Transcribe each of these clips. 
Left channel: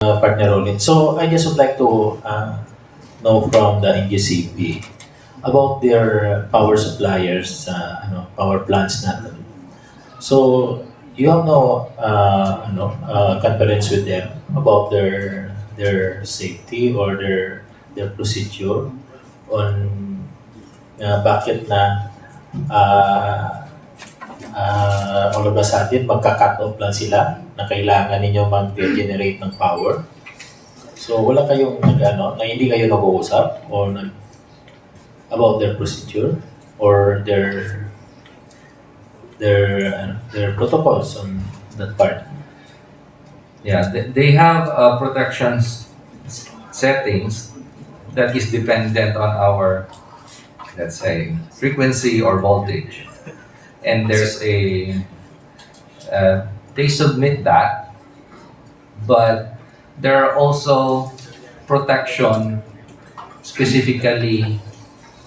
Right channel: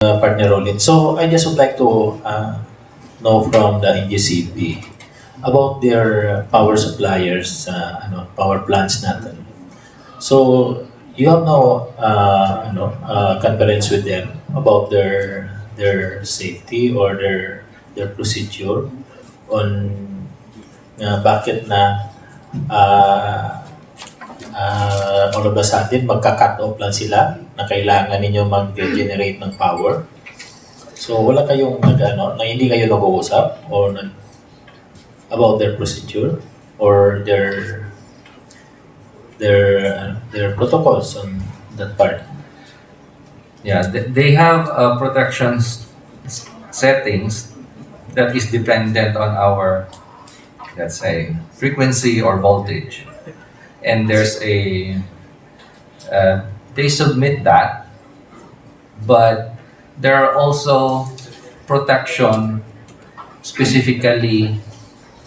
Partner Rolin. So I just would like to know from the NGCP about their power suppliers, power plants natin. So you have no conference with them about their safety or their procedure on bakit na all of a sudden magka-cut off lang sila na kailangan ninyo mag-generate ng power. So wala kayong na hindi kayo nag-uusap or about their procedure or their protocols on that part. Yeah, they have protection settings that is dependent on our, let's say, frequency or voltage. And there's they submit that, but there are also protection specifically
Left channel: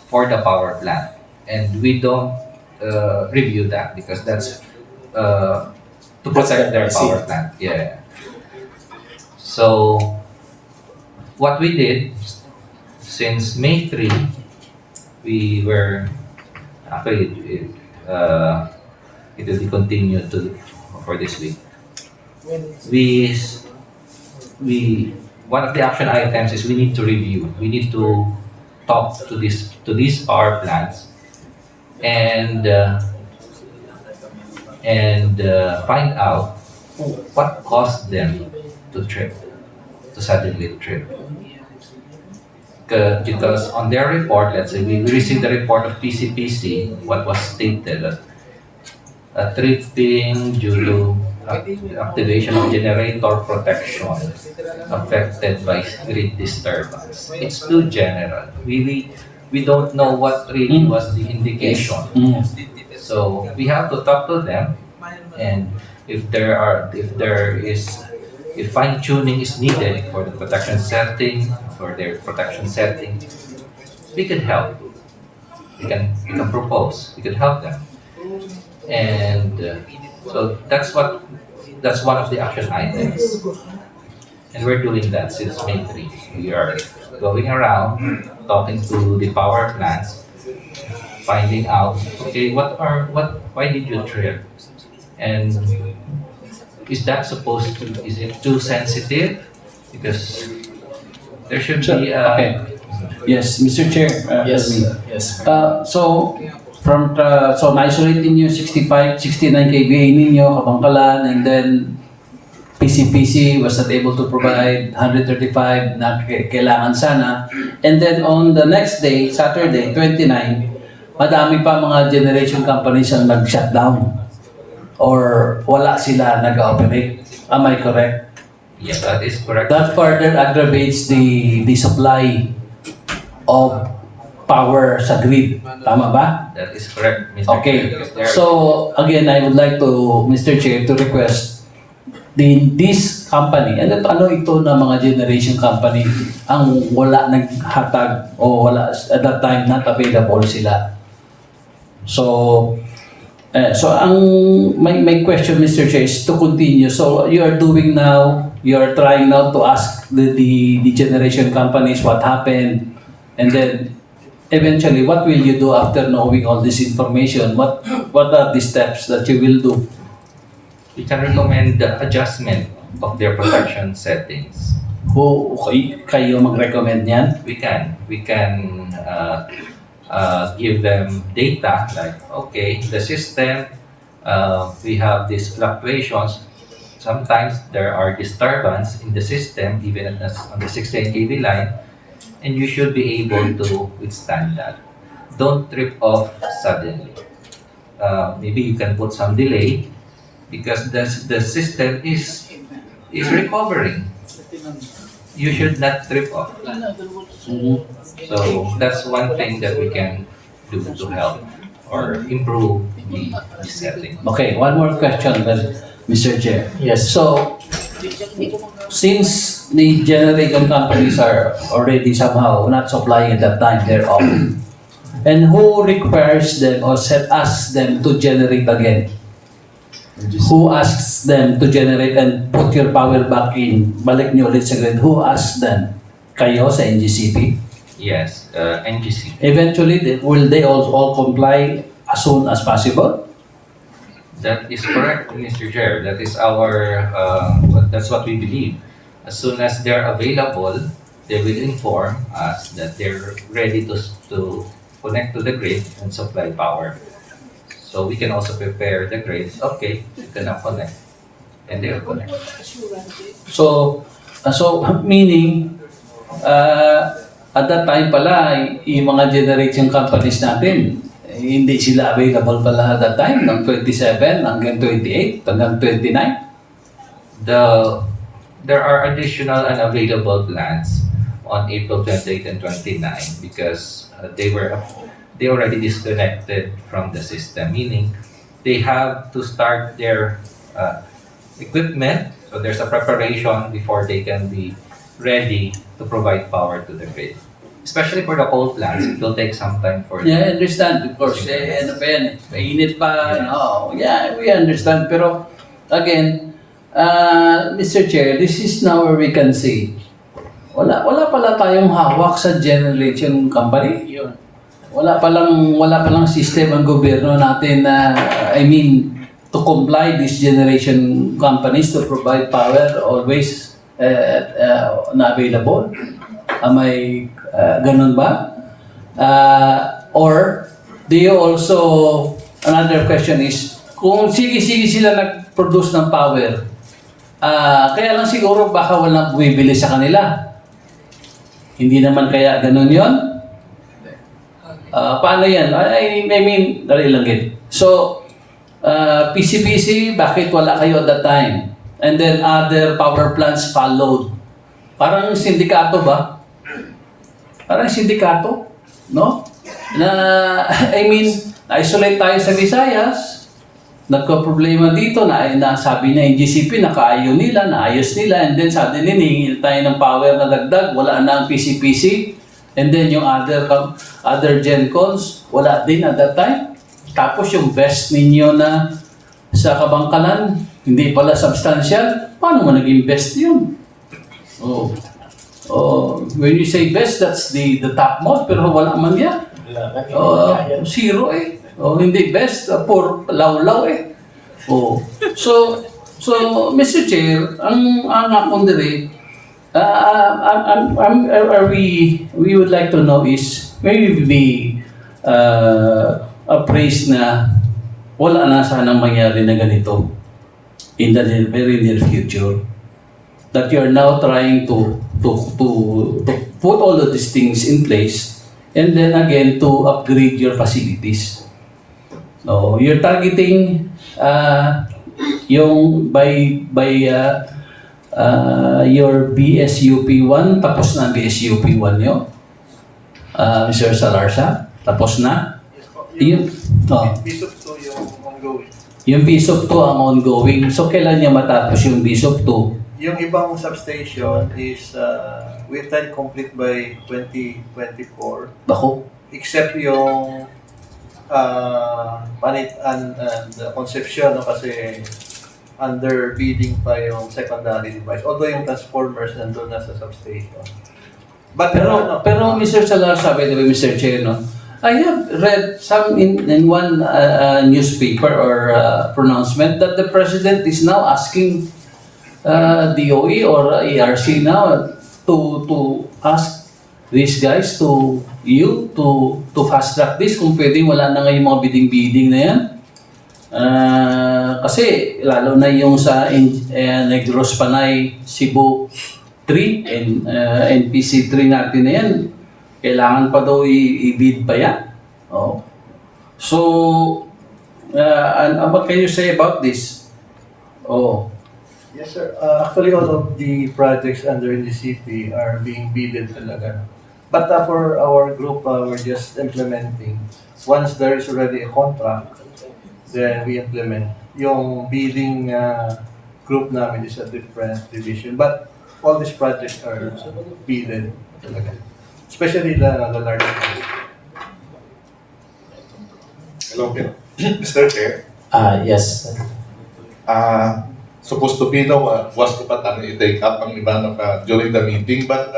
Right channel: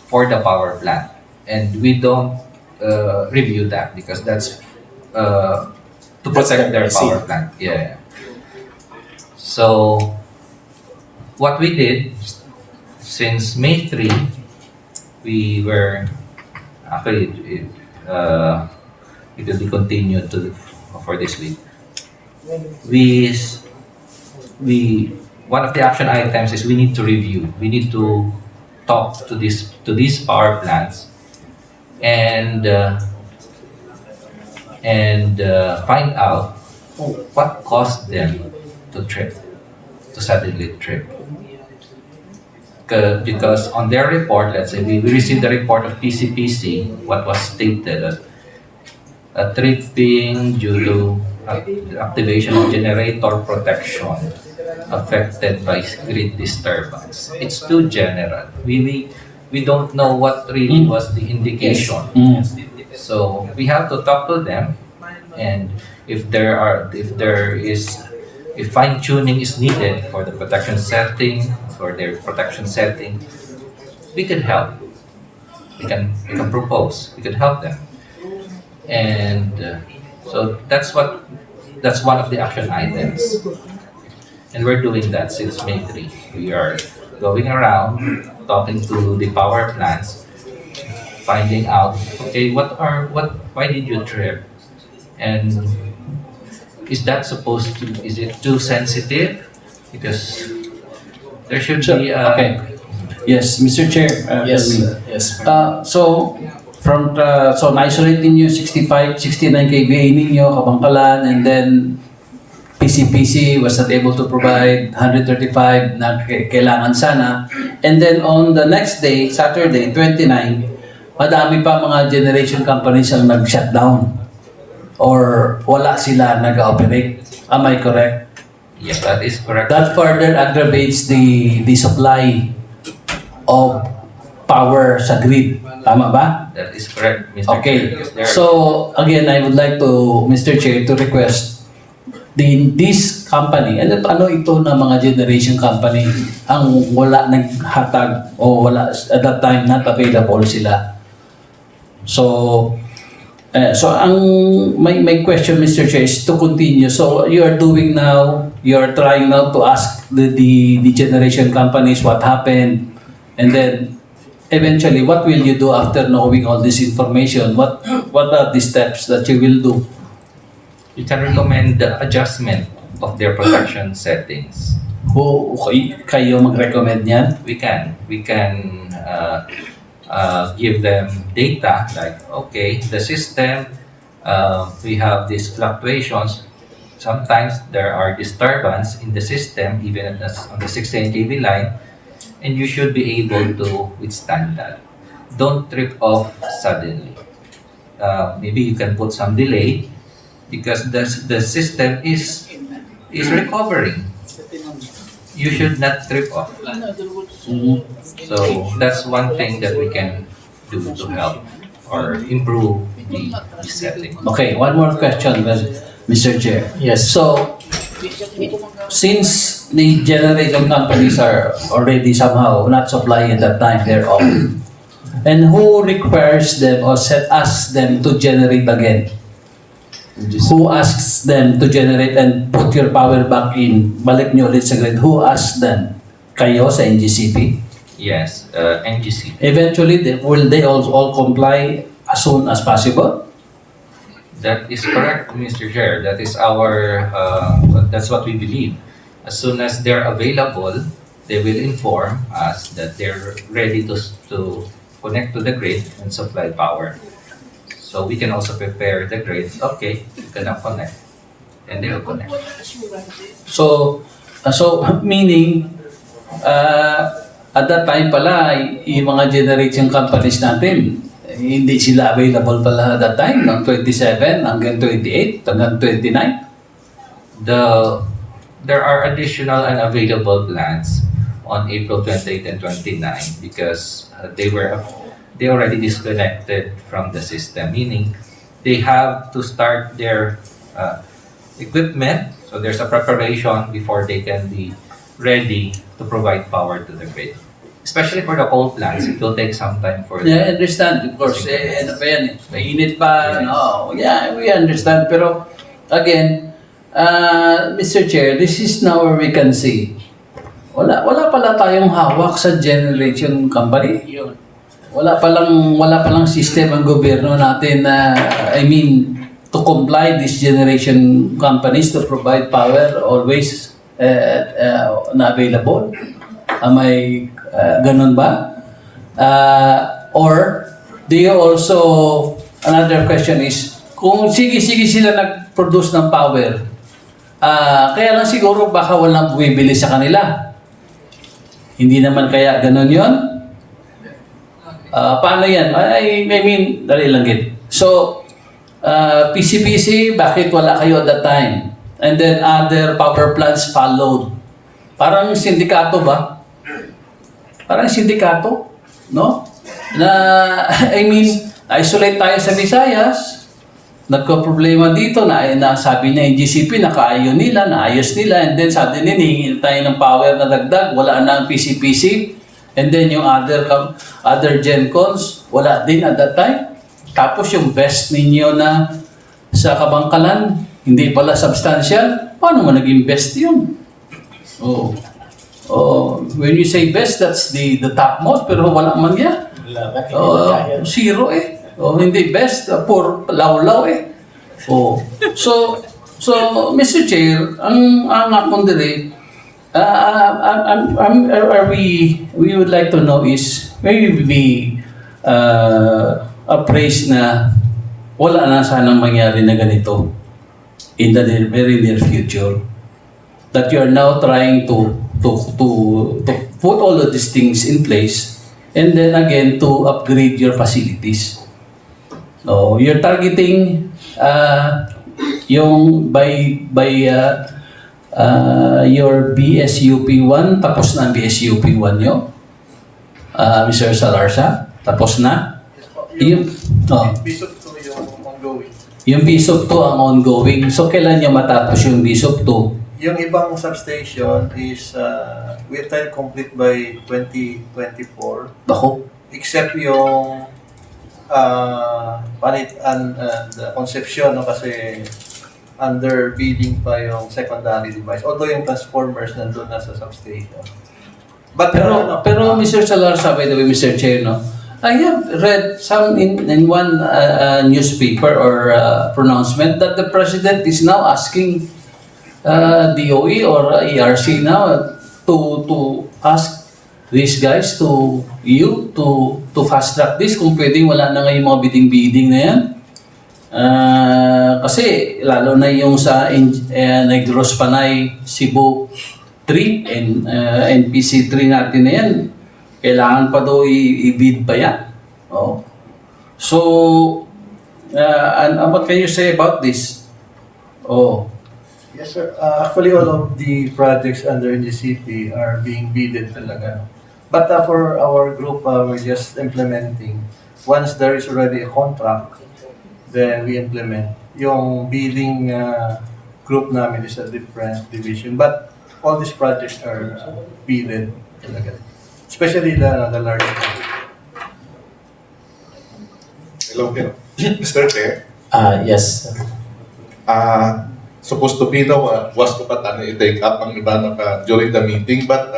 for the power plant. And we don't review that because that's to protect their power plant. Yeah. So what we did since May 3, we were actually it will be continued for this week. We one of the action items is we need to review. We need to talk to these power plants and find out what caused them to suddenly trip. Because on their report, let's say we received the report of PCPC, what was stated as a tripping due to activation of generator protection affected by grid disturbance. It's too general. We don't know what really was the indication. So we have to talk to them, and if fine tuning is needed for the protection setting, for their protection setting, we can help. We can propose. We can help them, and so that's one of the action items, and we're doing that since May 3. We are going around talking to the power plants, finding out, okay, why did you trip, and is it too sensitive? Because there should be okay. Yes, Mr. Chair. Yes. So na-isolate ninyo 69 kVA ninyo, Kabangkalan, and then PCPC was not able to provide 135 na kailangan sana. And then on the next day, Saturday, 29, madami pa mga generation companies ang nag-shutdown or wala sila nag-operate. Am I correct? Yes, that is correct. That further aggravates the supply of power sa grid. Tama ba? That is correct, Mr. Okay. Chair. So, again, I would like to, Mr. Chair, to request this company, ano ito na mga generation company ang wala naghatag o wala at that time not available sila. So ang my question, Mr. Chair, is to continue. So you are trying now to ask the generation companies what happened, and then eventually what will you do after knowing all this information? What are the steps that you will do? We can recommend the adjustment of their protection settings. Kayo mag-recommend yan? We can give them data like, okay, the system, we have these fluctuations. Sometimes there are disturbance in the system, even on the 16 kV line, and you should be able to withstand that. Don't trip off suddenly. Maybe you can put some delay because the system is recovering. You should not trip off. So that's one thing that we can do to help or improve the setting. Okay, one more question, Mr. Chair. Yes. So, since the generation companies are already somehow not supplying at that time their own, and who requires them or asks them to generate again? Who asks them to generate and put your power back in? Balik nyo ulit sa grid. Who asks them? Kayo sa NGCP? Yes, NGCP. Eventually, will they all comply as soon as possible? That is correct, Mr. Chair. That is our, that's what we believe. As soon as they're available, they will inform us that they're ready to connect to the grid and supply power. So we can also prepare the grid. Okay, you can now connect. And they will connect. So meaning, at that time pala, yung mga generation companies natin, hindi sila available pala at that time, ng 27 hanggang 28, hanggang 29. There are additional unavailable plants on April 28 and 29 because they already disconnected from the system, meaning they have to start their equipment. So there's a preparation before they can be ready to provide power to the grid. Especially for the coal plants, it will take some time for Yeah, I understand. Of course, ano pa yan eh. Mainit pa. Yes. No. Yeah, we understand. Pero, again, Mr. Chair, this is now where we can see. Wala pala tayong hawak sa generation company. Yun. Wala palang system ang gobyerno natin na, to comply these generation companies to provide power always na available. Am I ganun ba? Or do you also, another question is, kung sige sila nag-produce ng power, kaya lang siguro baka walang bumibili sa kanila. Hindi naman kaya ganun yon? Paano yan? Dali lang gid. So, PCPC, bakit wala kayo at that time? And then other power plants followed. Parang sindikato ba? Parang sindikato, no? Na, isolate tayo sa Visayas, nagka-problema dito na sabi na NGCP, nakaayon nila, naayos nila, and then suddenly hihingil tayo ng power na dagdag, wala na ang PCPC, and then yung other GenCons, wala din at that time. Tapos yung best ninyo na sa Kabangkalan, hindi pala substantial, paano mo nag-invest yun? When you say best, that's the topmost, pero wala man yan. Zero eh. Hindi best, poor, law eh. So, Mr. Chair, ang akong diri, we would like to know is, maybe be appraised na wala na sanang mangyari na ganito in the very near future. That you are now trying to put all of these things in place and then again to upgrade your facilities. So, you're targeting yung by your BSUP 1, tapos na ang BSUP 1 nyo. Mr. Salarsa, tapos na. Yung Bishop 2 yung ongoing. Yung BSUP 2 ang ongoing. So, kailan nyo matapos yung BSUP 2? Yung ibang substation is we intend complete by 2024. Bako? Except yung panit and conception, no, kasi under bidding pa yung secondary device. Although yung transformers nandun na sa substation. But Pero Mr. Salarsa, by the way, Mr. Chair, no? I have read some in one newspaper or pronouncement that the President is now asking DOE or ERC now to ask these guys to fast track this kung pwede wala na ngayon mga bidding na yan. Kasi lalo na yung sa Negros Panay Cebu 3 and NPC 3 natin na yan, kailangan pa daw i-bid pa yan. So, and what can you say about this? yes, sir. Actually, all of the projects under NGCP are being bidded talaga. But for our group, we're just implementing. Once there is already a contract, then we implement. Yung bidding group namin is a different division. But all these projects are bidded talaga. Especially the large ones. Hello, Mr. Chair. Yes. supposed to be no, was ko pa i-take up ang iba during the meeting, but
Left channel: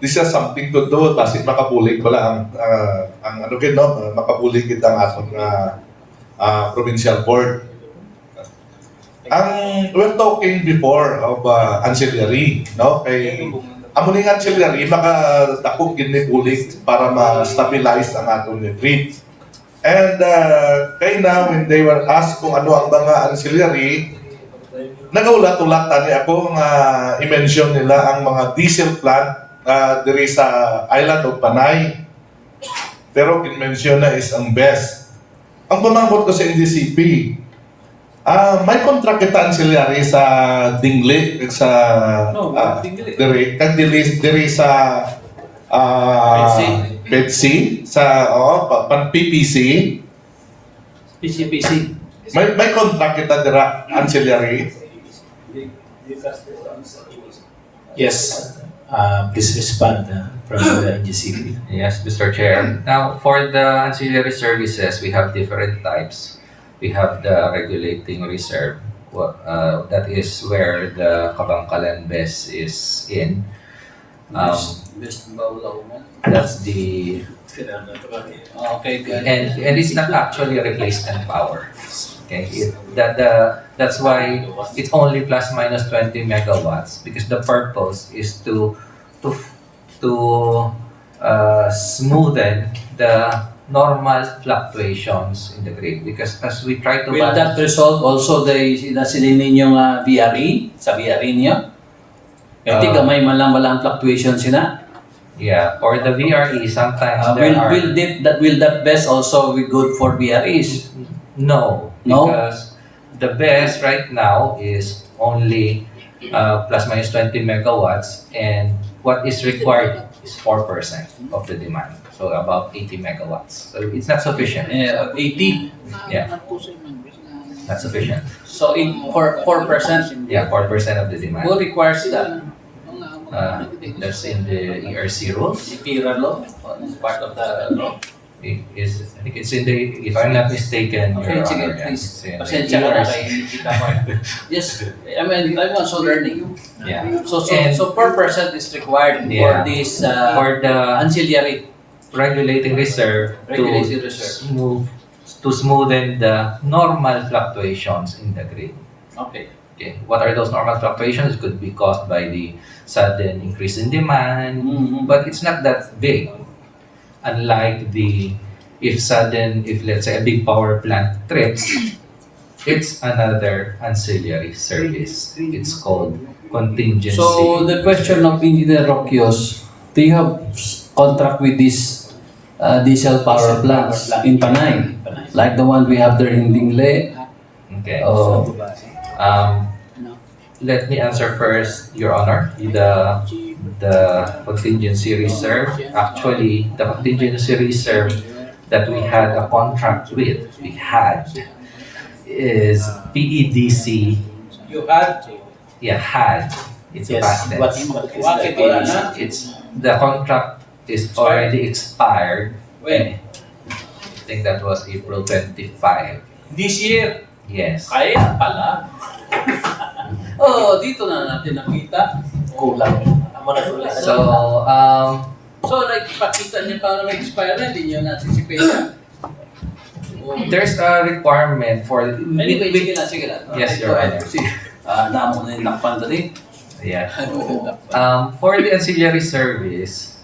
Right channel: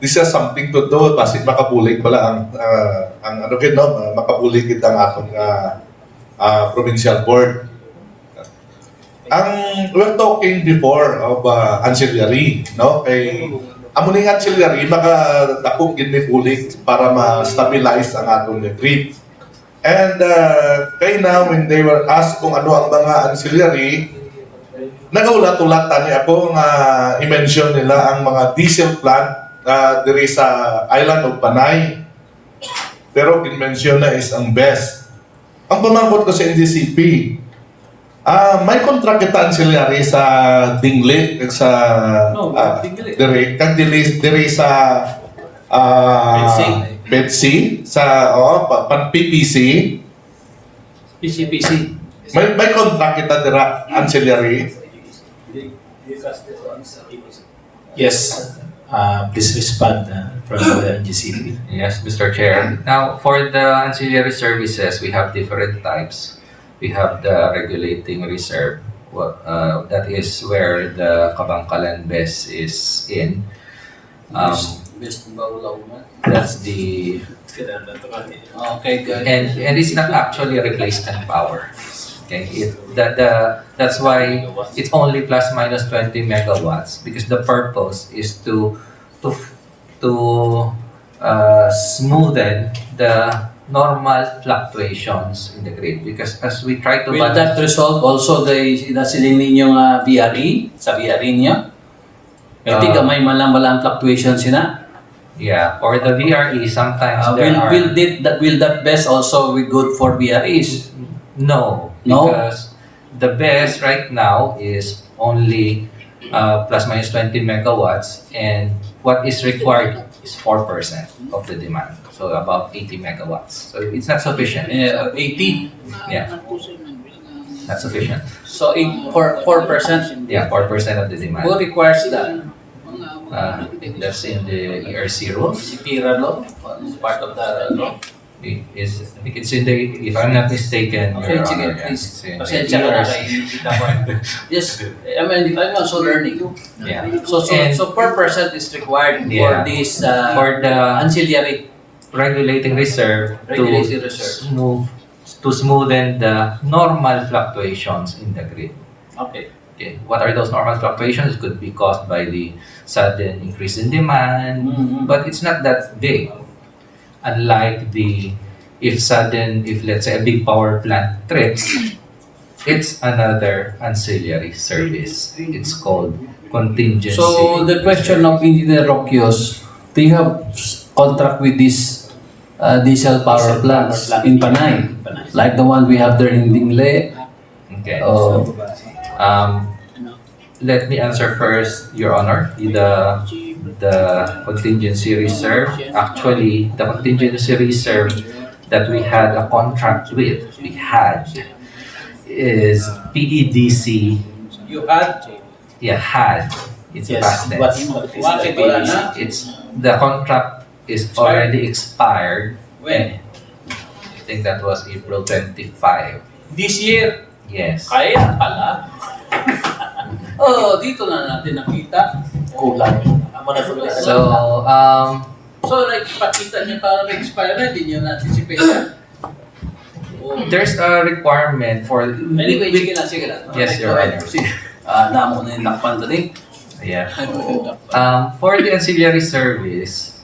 this has something to do, kasi makabulig pala ang ano kin, no, makabulig kita ang atong provincial board. We're talking before of ancillary, no? Kay amuning ancillary, maka dakog gid may bulig para ma-stabilize ang atong retreat. And kay now, when they were asked kung ano ang mga ancillary, nagaulat-ulat tani ako nga i-mention nila ang mga diesel plant diri sa island of Panay. Pero in-mention na is ang best. Ang pumangkot ko sa NGCP, may contract kita ancillary sa Dingle, sa diri sa PEDC, sa PPC. PCPC. May contract kita dira ancillary. Yes, please respond from the NGCP. Yes, Mr. Chair. Now, for the ancillary services, we have different types. We have the regulating reserve. That is where the Kabangkalan BES is in. That's the Okay, good. and it's not actually a replacement power. Okay, that's why it's only plus minus 20 megawatts, because the purpose is to smoothen the normal fluctuations in the grid, because as we try to Will that resolve also the nasilin ninyong BRE, sa BRE niyo? Pwede gamay malang fluctuations sina? yeah, for the VRE sometimes there are Will that BES also be good for BREs? no, No? because the best right now is only plus minus 20 megawatts, and what is required is 4% of the demand, so about 80 megawatts. So it's not sufficient. 80. Yeah, not sufficient. So for 4%. Yeah, 4% of the Who demand. requires that? That's in the ERC rules. IPIRA law? It's part of the law? I think it's in the, if I'm not mistaken, Okay, Your sige, Honor, yeah, please. it's in the Pasensya ka na ERC. kay kita ko. Yes, I'm also learning. Yeah. So And 4% is required for Yeah. this for the ancillary regulating reserve regulated reserve. to smoothen the normal fluctuations in the grid. Okay. Okay, what are those normal fluctuations? It could be caused by the sudden increase in demand, Mhm. but it's not that big. Unlike if let's say a big power plant trips, it's another ancillary service. It's called contingency. So the question of Engineer Rocchios, do you have contract with this diesel power plants in Panay? Like the one we have there in Dingle? Okay. Oh, Let me answer first, Your Honor. The contingency reserve. Actually, the contingency reserve that we had a contract with, is PEDC. you had? Yeah, had. It's Yes, past tense. what is Bakit the wala PAC? na? The contract is already expired. When? I think that was April 25. This year? Yes. Kaya pala. Oh, dito na natin nakita. Kulang. Amo na tuloy. So, like, pakita niya para mag-expire na, hindi niyo na-anticipate. there's a requirement for... Anyway, sige lang. Yes, Your Honor. Namo na yung nakpan ko din. Yeah. For the ancillary service,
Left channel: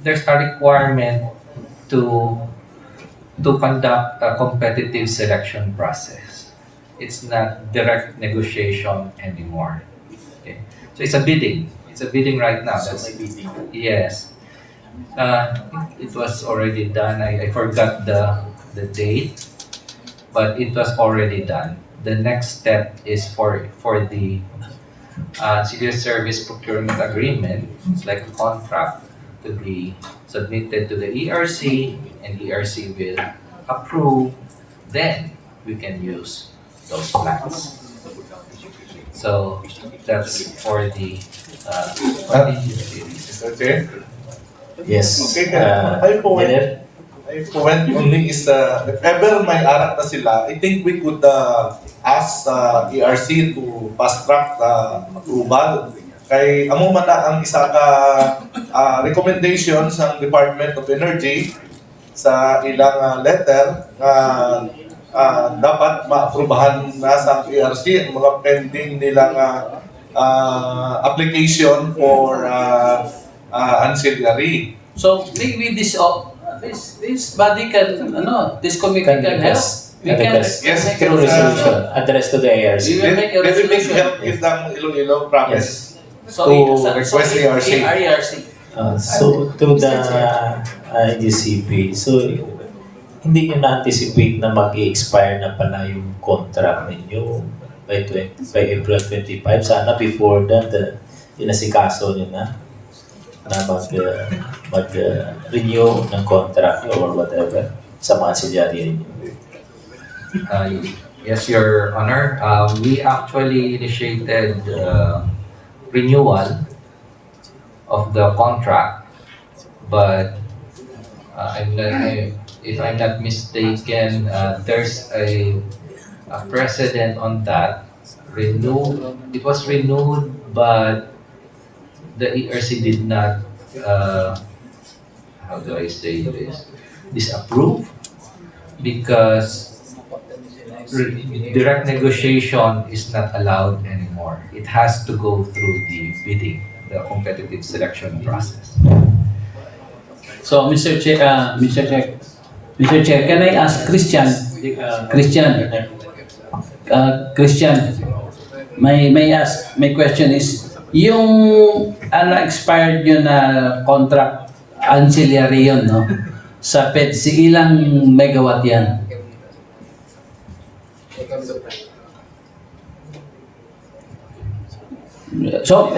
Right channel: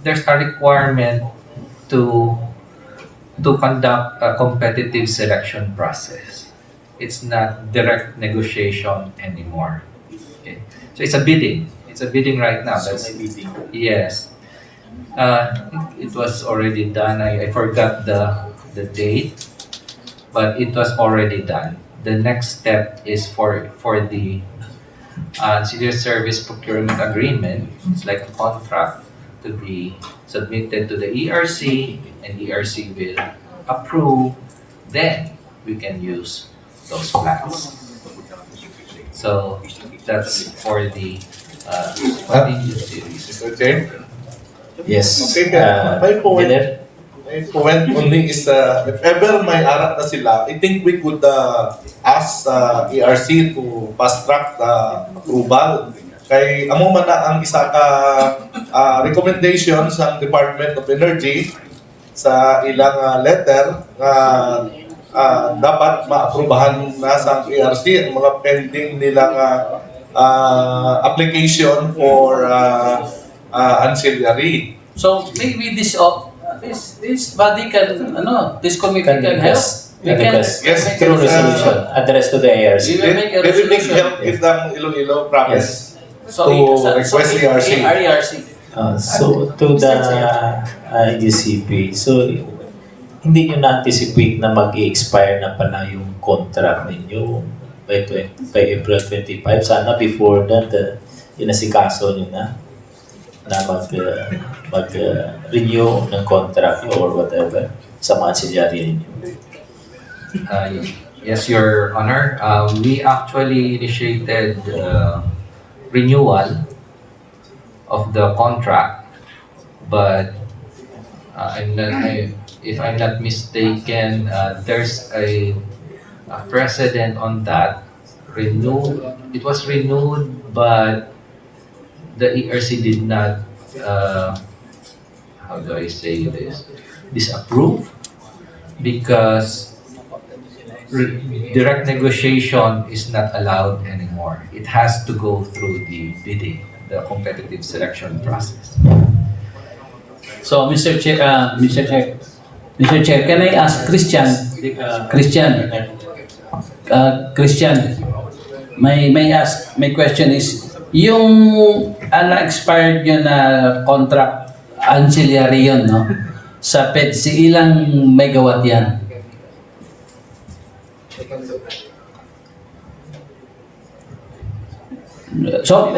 there's a requirement to conduct a competitive selection process. It's not direct negotiation anymore. Okay. So it's a bidding. It's a bidding right now. That's yes. It was already done. I forgot the date, but it was already done. The next step is for the civil service procurement agreement. It's like a contract to be submitted to the ERC, and ERC will approve. Then we can use those plans. So that's for the contingency. Mr. Chair? Yes. Okay, may point. Engineer? my point only is if ever may arak na sila, I think we could ask ERC to fast track the approval. Kay amo man na ang isa ka recommendation sa Department of Energy sa ilang letter na dapat maaprubahan na sa ERC ang mga pending nilang application for ancillary. So maybe this body can this committee can help. We can Yes, make Through a- resolution, address to the ARC. We will make a They will make resolution. help with the Iloilo province. So, to request ERC. ERC. So to the NGCP, so hindi nyo na-anticipate na mag-expire na pala yung contract ninyo by April 25. Sana before that, inasikaso nyo na mag-renew ng contract or whatever sa mga ancillary ninyo. Yes, Your Honor. We actually initiated renewal of the contract, but if I'm not mistaken, there's a precedent on that. It was renewed, but the ERC did not, how do I say this, disapprove, because direct negotiation is not allowed anymore. It has to go through the bidding, the competitive selection process. So, Mr. Chair, can I ask Christian? My question is, yung expired yun na contract ancillary yun, no? Sa PEDC, ilang megawatt yan? So,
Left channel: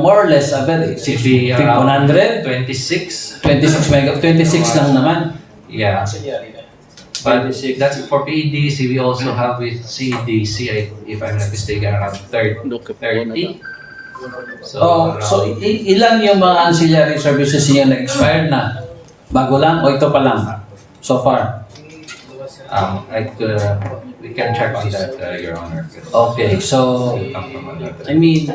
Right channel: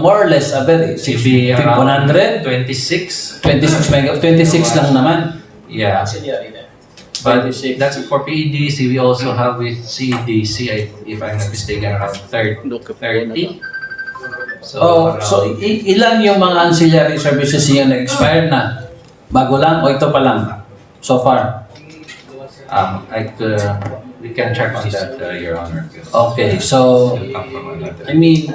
more or less, Should be around 100? 26. 26 lang naman. Yeah. Ancillary na. But that's for PEDC. We also have with CEDC, if I'm not mistaken, around 30. So, ilan yung mga ancillary services niya na-expire na? Bago lang o ito pa lang? So far? We can check on that, Your Honor. Okay, so, I mean,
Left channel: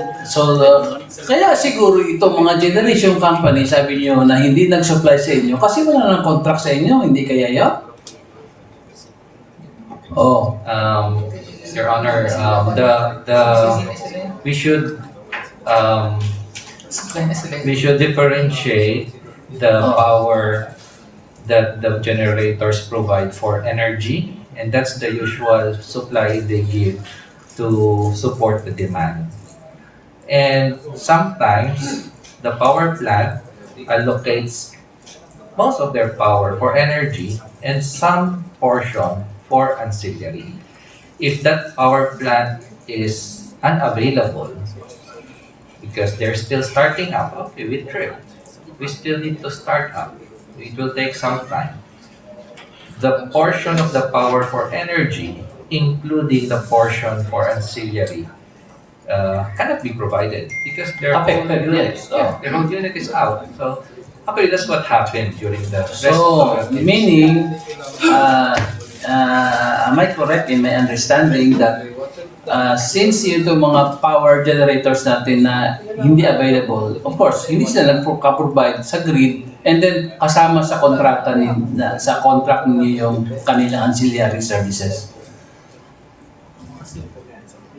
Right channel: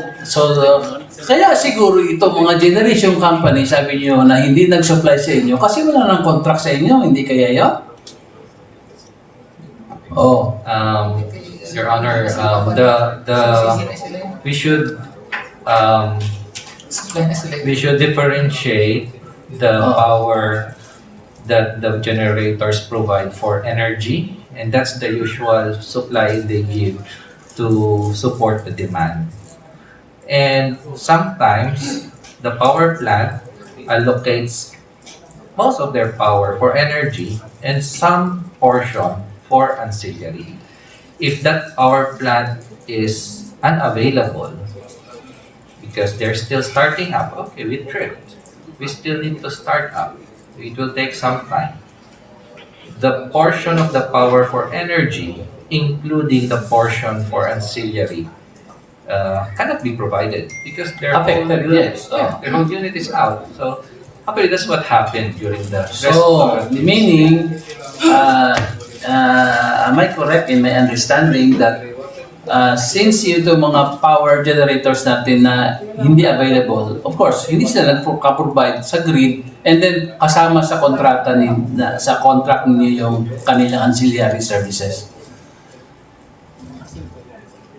kaya siguro ito mga generation company, sabi niyo na hindi nag-supply sa inyo kasi wala nang contract sa inyo, hindi kaya yun? Oh, Your Honor, we should differentiate the power that the generators provide for energy, and that's the usual supply they give to support the demand. And sometimes the power plant allocates most of their power for energy and some portion for ancillary. If that power plant is unavailable because they're still starting up, okay, we tripped. We still need to start up. It will take some time. The portion of the power for energy, including the portion for ancillary, cannot be provided because their whole Affected, unit, yes. Yeah. their whole unit is out. So, actually, that's what happened during the so, meaning, am I correct in my understanding that since ito mga power generators natin na hindi available, of course, hindi sila nagka-provide sa grid and then kasama sa kontrata sa contract ninyo yung kanilang ancillary services.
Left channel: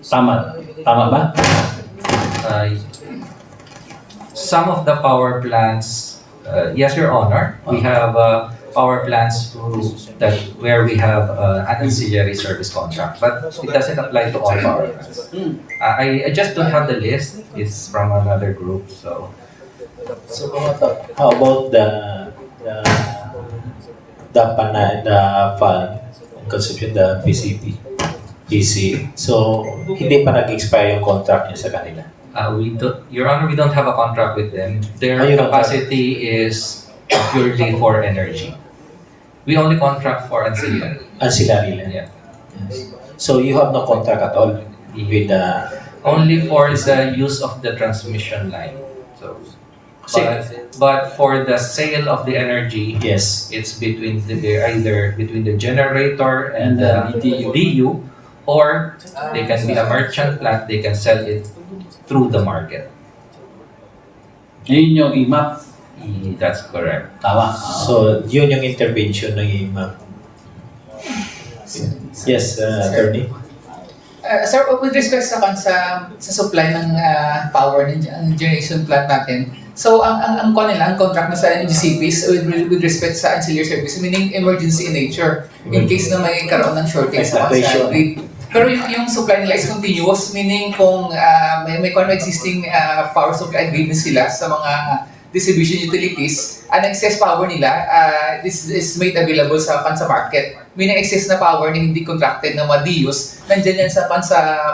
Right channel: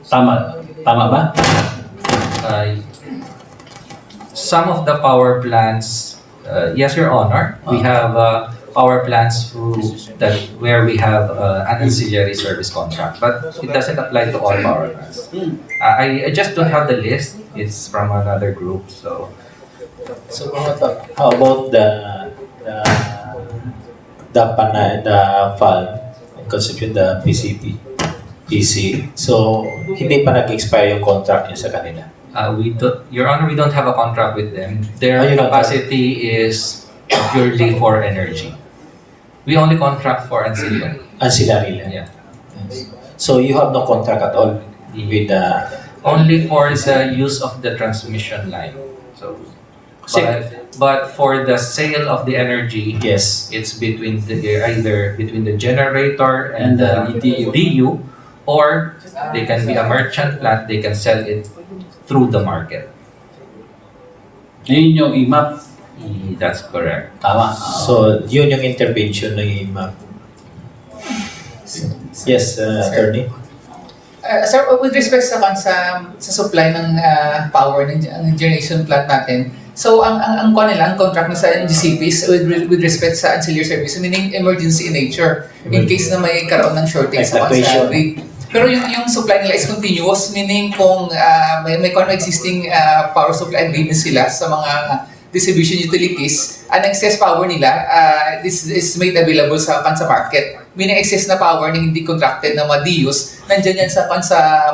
Tama. Tama ba? Some of the power plants, yes, Your Honor, we have power plants where we have an ancillary service contract, but it doesn't apply to all power plants. I just don't have the list. It's from another group, so. So how about the fund conception, the PC? So hindi pa nag-expire yung contract niyo sa kanila? Your Honor, we don't have a contract with them. Their Oh, you don't have- capacity is purely for energy. We only contract for ancillary. Ancillary lang. Yeah. Yes. So you have no contract at all with the... Only for the use of the transmission line. So, But for the sale of the energy, Yes. it's between either between the generator and the DU. DU, or they can be a merchant plant. They can sell it through the market. Yun yung IMAP. That's correct. Tama. So, yun yung intervention ng IMAP. Yes, attorney. Sir, with respect sa supply ng power ng generation plant natin, so ang contract na sa NGCP is with respect sa ancillary service, meaning emergency in nature, in case na may karoon ng shortage sa Fluctuation. grid. Pero yung supply nila is continuous, meaning kung may existing power supply agreement sila sa mga distribution utilities, ang excess power nila this is made available sa market. Meaning excess na power na hindi contracted na mga DUs, nandyan yan sa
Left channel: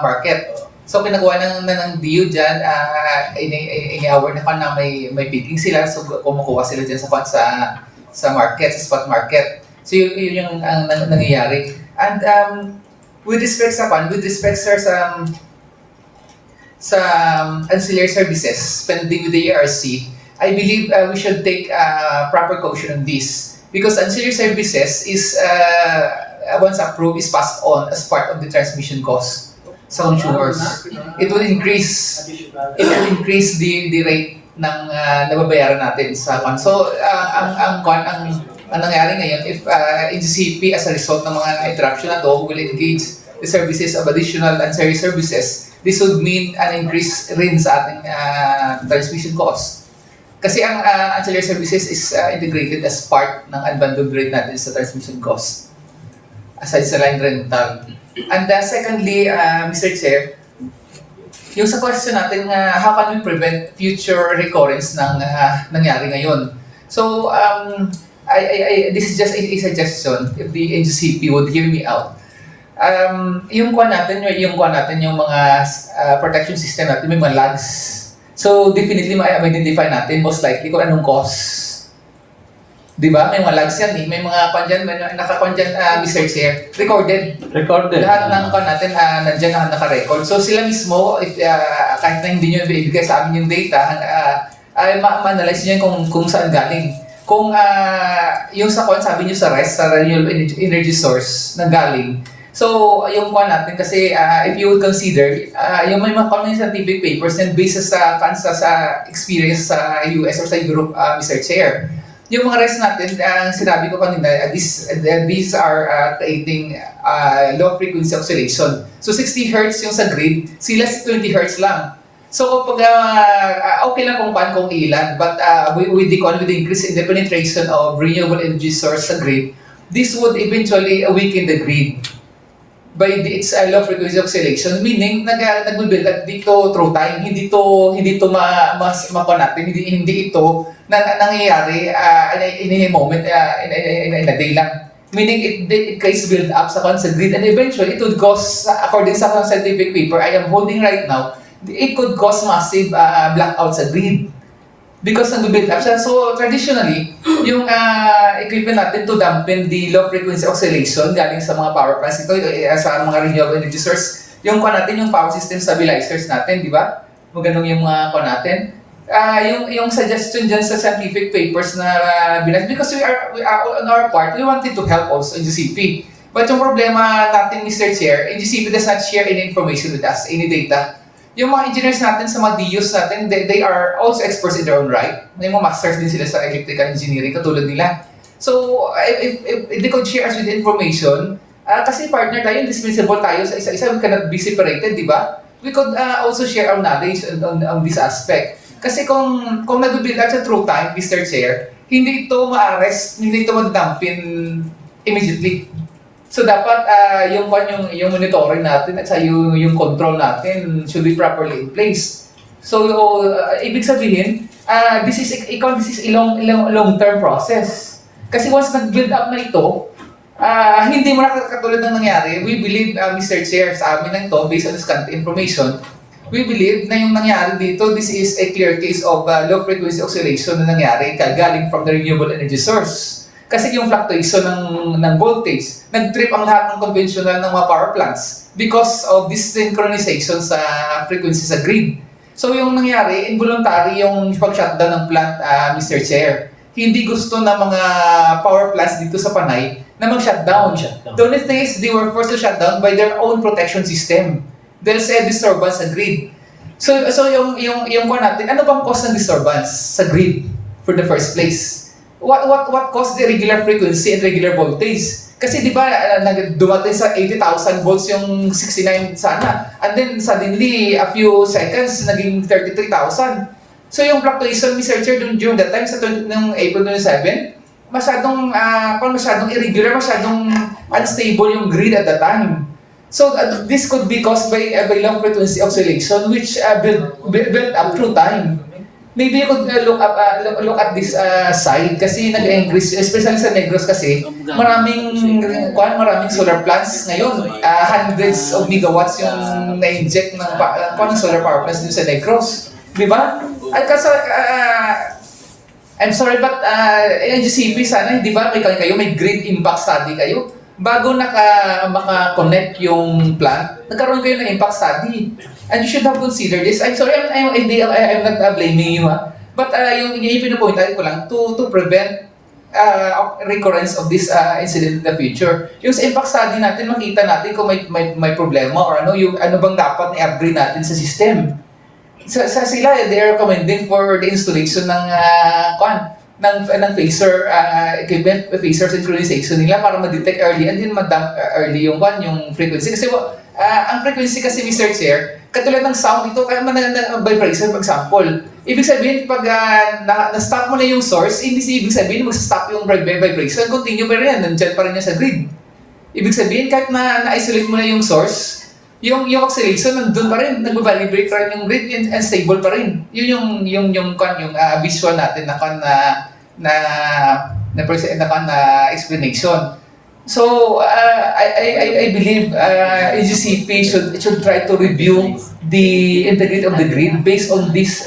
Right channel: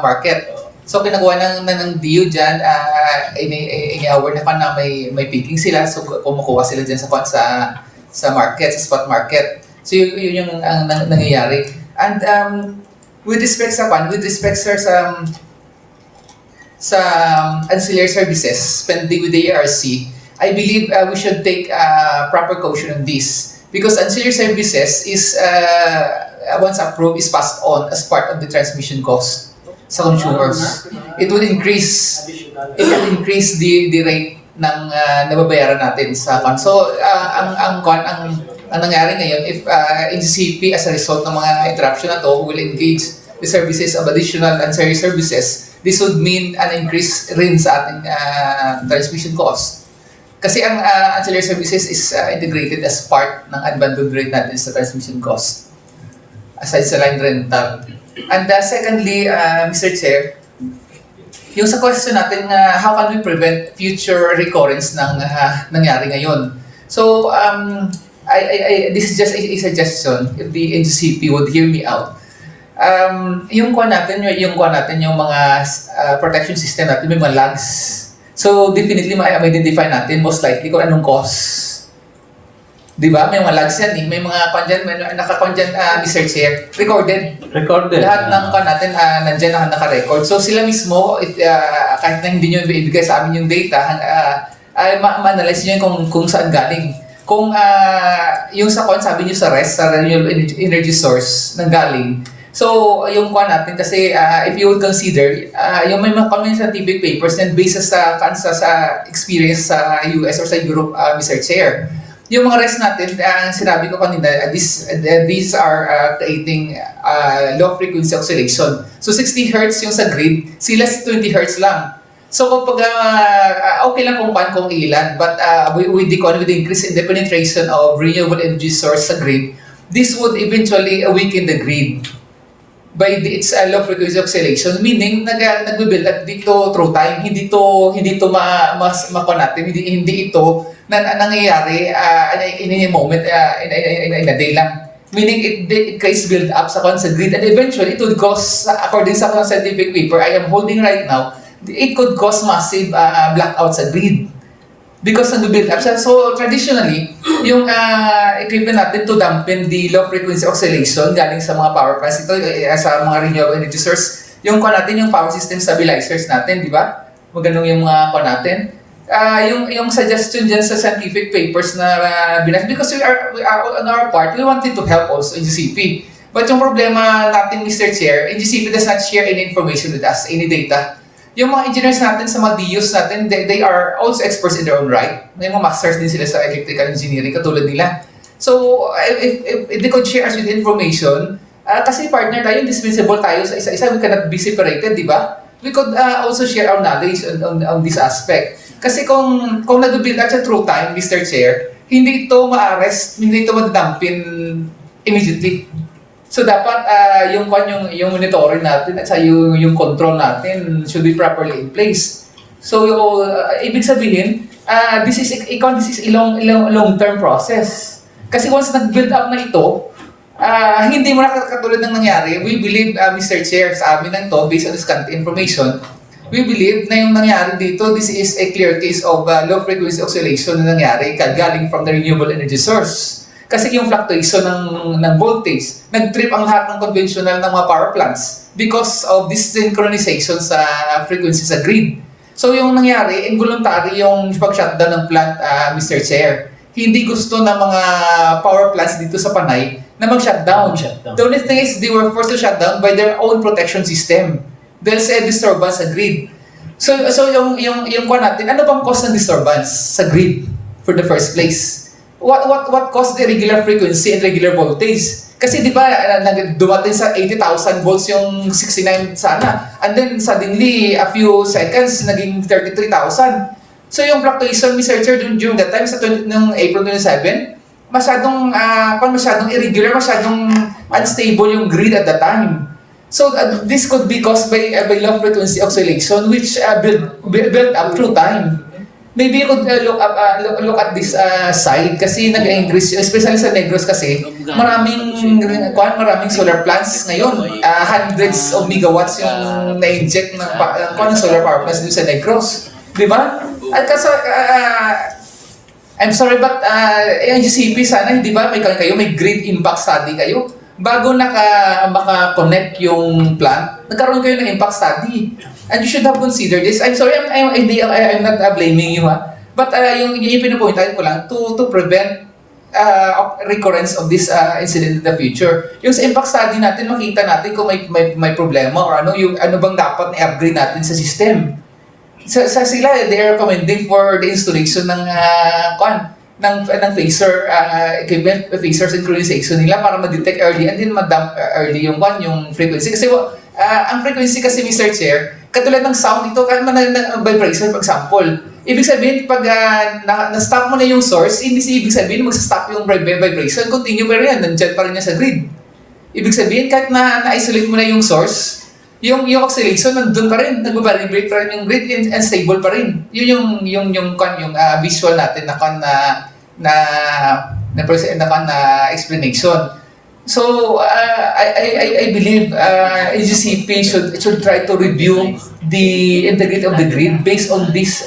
market. So kinagawa ng DU dyan, ini-aware na may peaking sila, so kumukuha sila dyan sa market, sa spot market. So yun yung nangyayari. And with respect sir sa ancillary services, spending with the ERC, I believe we should take proper caution on this. Because ancillary services is, once approved, is passed on as part of the transmission cost sa consumers. It will increase the rate ng nababayaran natin sa fund. So, ang nangyari ngayon, if NGCP as a result ng mga interruption na to will engage the services of additional ancillary services, this would mean an increase rin sa ating transmission cost. Kasi ang ancillary services is integrated as part ng unbundled rate natin sa transmission cost, aside sa line rental. And secondly, Mr. Chair, yung sa question natin, how can we prevent future recurrence ng nangyari ngayon? So, this is just a suggestion, if the NGCP would hear me out. Yung mga protection system natin, may mga lags. So, definitely ma-identify natin most likely kung anong cause. Di ba? May mga lags yan eh. May mga nakakuan dyan, Mr. Chair. Recorded. Lahat ng natin nandyan na naka-record. So, sila mismo, kahit na hindi nyo ibigay sa amin yung data, ma-analyze nyo kung saan galing. Kung yung sa sabi nyo sa RES, sa Renewable Energy Source, nang galing. So, yung natin kasi if you would consider, yung may mga scientific papers and based sa experience sa US or sa Europe, Mr. Chair. Yung mga rest natin, sinabi ko kanina, these are creating low frequency oscillation. So 60 Hz yung sa grid, sila 20 Hz lang. So kapag okay lang kung ilan, but with the increase in the penetration of renewable energy source sa grid, this would eventually weaken the grid by its low frequency oscillation, meaning nagbe-build up dito through time, hindi to natin, hindi ito nangyayari in a moment, in a day lang. Meaning it creates build up sa grid, and eventually it would cause, according sa scientific paper I am holding right now, it could cause massive blackout sa grid. Because nag-build up siya. So traditionally, yung equipment natin to dampen the low frequency oscillation galing sa mga power plants, ito sa mga renewable energy source, yung power system stabilizers natin, di ba? Maganong yung mga natin. Yung suggestion dyan sa scientific papers na binas, because we are on our part, we wanted to help also NGCP. But yung problema natin, Mr. Chair, NGCP does not share any information with us, any data. Yung mga engineers natin sa mga DUs natin, they are also experts in their own right. May mga masters din sila sa electrical engineering, katulad nila. So, if they could share us with information, kasi partner tayo, indispensable tayo sa isa-isa, we cannot be separated, di ba? We could also share our knowledge on this aspect. Kasi kung nag-build up sa through time, Mr. Chair, hindi ito ma-arrest, hindi ito ma-dumpin immediately. So dapat yung monitoring natin at yung control natin should be properly in place. So ibig sabihin, this is a long-term process. Kasi once nag-build up na ito, hindi mo na katulad ng nangyari. We believe, Mr. Chair, sa amin lang to, based on this current information, we believe na yung nangyari dito, this is a clear case of low frequency oscillation na nangyari galing from the renewable energy source. Kasi yung fluctuation ng voltage, nag-trip ang lahat ng conventional ng mga power plants because of this synchronization sa frequency sa grid. So yung nangyari, involuntary yung pag-shutdown ng plant, Mr. Chair. Hindi gusto ng mga power plants dito sa Panay na mag-shutdown. Shutdown. The only thing is they were forced to shut down by their own protection system. Dahil sa disturbance sa grid. So yung kuha natin, ano bang cause ng disturbance sa grid for the first place? What caused the irregular frequency and regular voltage? Kasi di ba dumating sa 80,000 volts yung 69 sana. And then suddenly a few seconds naging 33,000. So yung fluctuation, Mr. Chair, during that time sa ng April 27, masyadong irregular, masyadong unstable yung grid at that time. So this could be caused by low frequency oscillation which built up through time. Maybe you could look at this side kasi nag-increase, especially sa Negros kasi maraming solar plants ngayon. Hundreds of megawatts yung na-inject ng solar power plants dito sa Negros. Di ba? At kasi, I'm sorry but NGCP sana, hindi ba may grid impact study kayo? Bago maka-connect yung plant, nagkaroon kayo ng impact study. And you should have considered this. I'm sorry, I'm not blaming you But yung pinupuntahan ko lang to prevent recurrence of this incident in the future. Yung sa impact study natin, makita natin kung may problema or ano bang dapat i-upgrade natin sa system. Sila, they are recommending for the installation ng phaser equipment, phaser synchronization nila para ma-detect early and then ma-dump early yung frequency. Kasi ang frequency kasi, Mr. Chair, katulad ng sound ito, vibration for example. Ibig sabihin, pag na-stop mo na yung source, hindi ibig sabihin mag-stop yung vibration, continue pa rin yan, nandyan pa rin yan sa grid. Ibig sabihin, kahit na-isolate mo na yung source, yung oscillation nandun pa rin, nag-vibrate pa rin yung grid and stable pa rin. Yun yung visual natin na explanation. So I believe NGCP should try to review the integrity of the grid based on this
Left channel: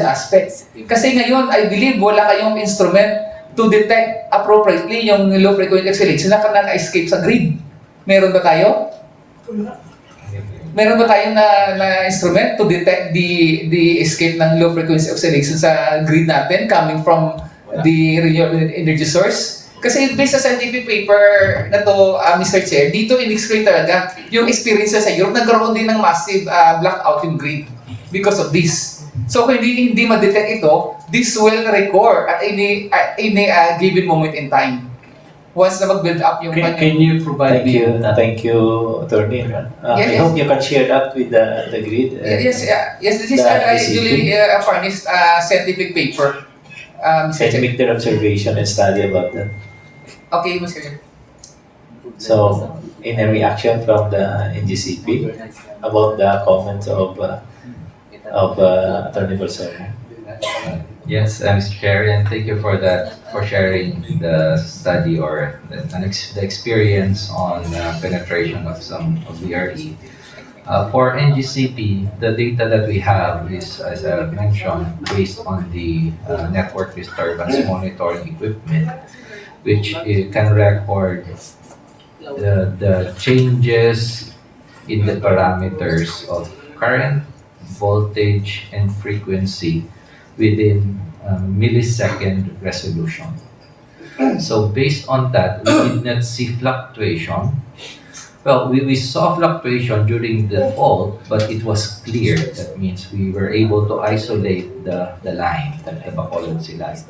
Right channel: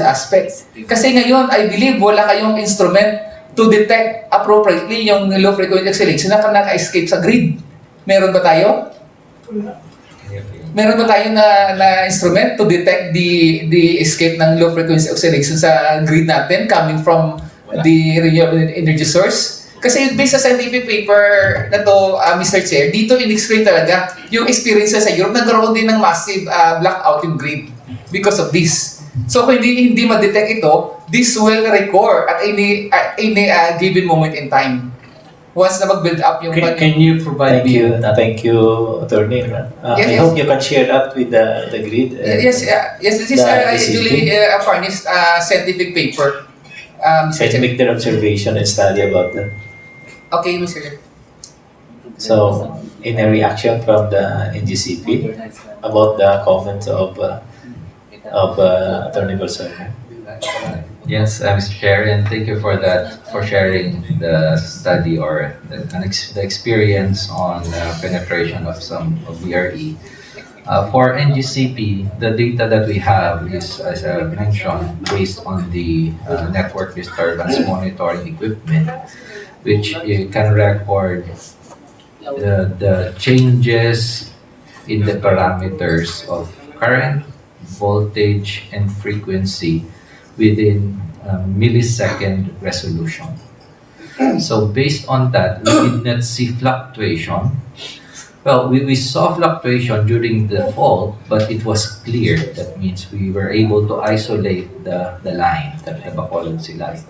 aspect. Kasi ngayon I believe wala kayong instrument to detect appropriately yung low frequency oscillation na naka-escape sa grid. Meron ba tayo? Meron ba tayong na instrument to detect the escape ng low frequency oscillation sa grid natin coming from the renewable energy source? Kasi based sa scientific paper na to, Mr. Chair, dito in-explain talaga yung experience sa Europe, nagkaroon din ng massive blackout yung grid because of this. So kung hindi ma-detect ito, this will recur at any given moment in time. Once na mag-build up yung... Can you provide Thank you, Attorney. I hope you can share that with the grid. Yes, this is usually a furnished scientific paper. Mr. Can Chair. make their observation and study about that. Okay, Mr. Chair. So, in a reaction from the NGCP about the comments of Attorney Bolsonaro. Yes, Mr. Chair, and thank you for sharing the study or the experience on penetration of some of VRE. For NGCP, the data that we have is, as I mentioned, based on the network disturbance monitoring equipment, which can record the changes in the parameters of current, voltage, and frequency within millisecond resolution. So based on that, we did not see fluctuation. Well, we saw fluctuation during the fault, but it was clear. That means we were able to isolate the line, the Bacolod line.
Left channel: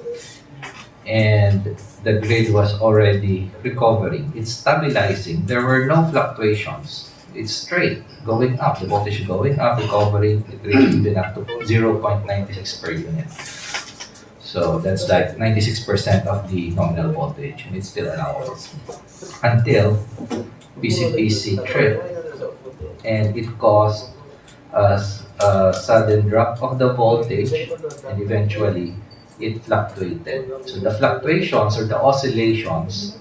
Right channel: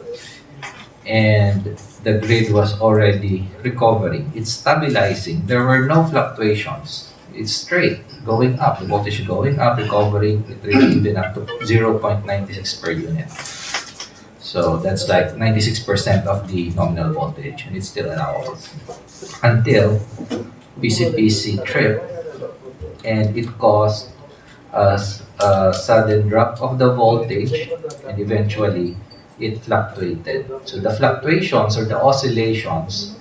And the grid was already recovering. It's stabilizing. There were no fluctuations. It's straight, going up. The voltage going up, recovering. It reached even up to 0.96 per unit. So that's like 96% of the nominal voltage, and it's still allowable. Until PCPC tripped, and it caused a sudden drop of the voltage, and eventually it fluctuated. So the fluctuations or the oscillations,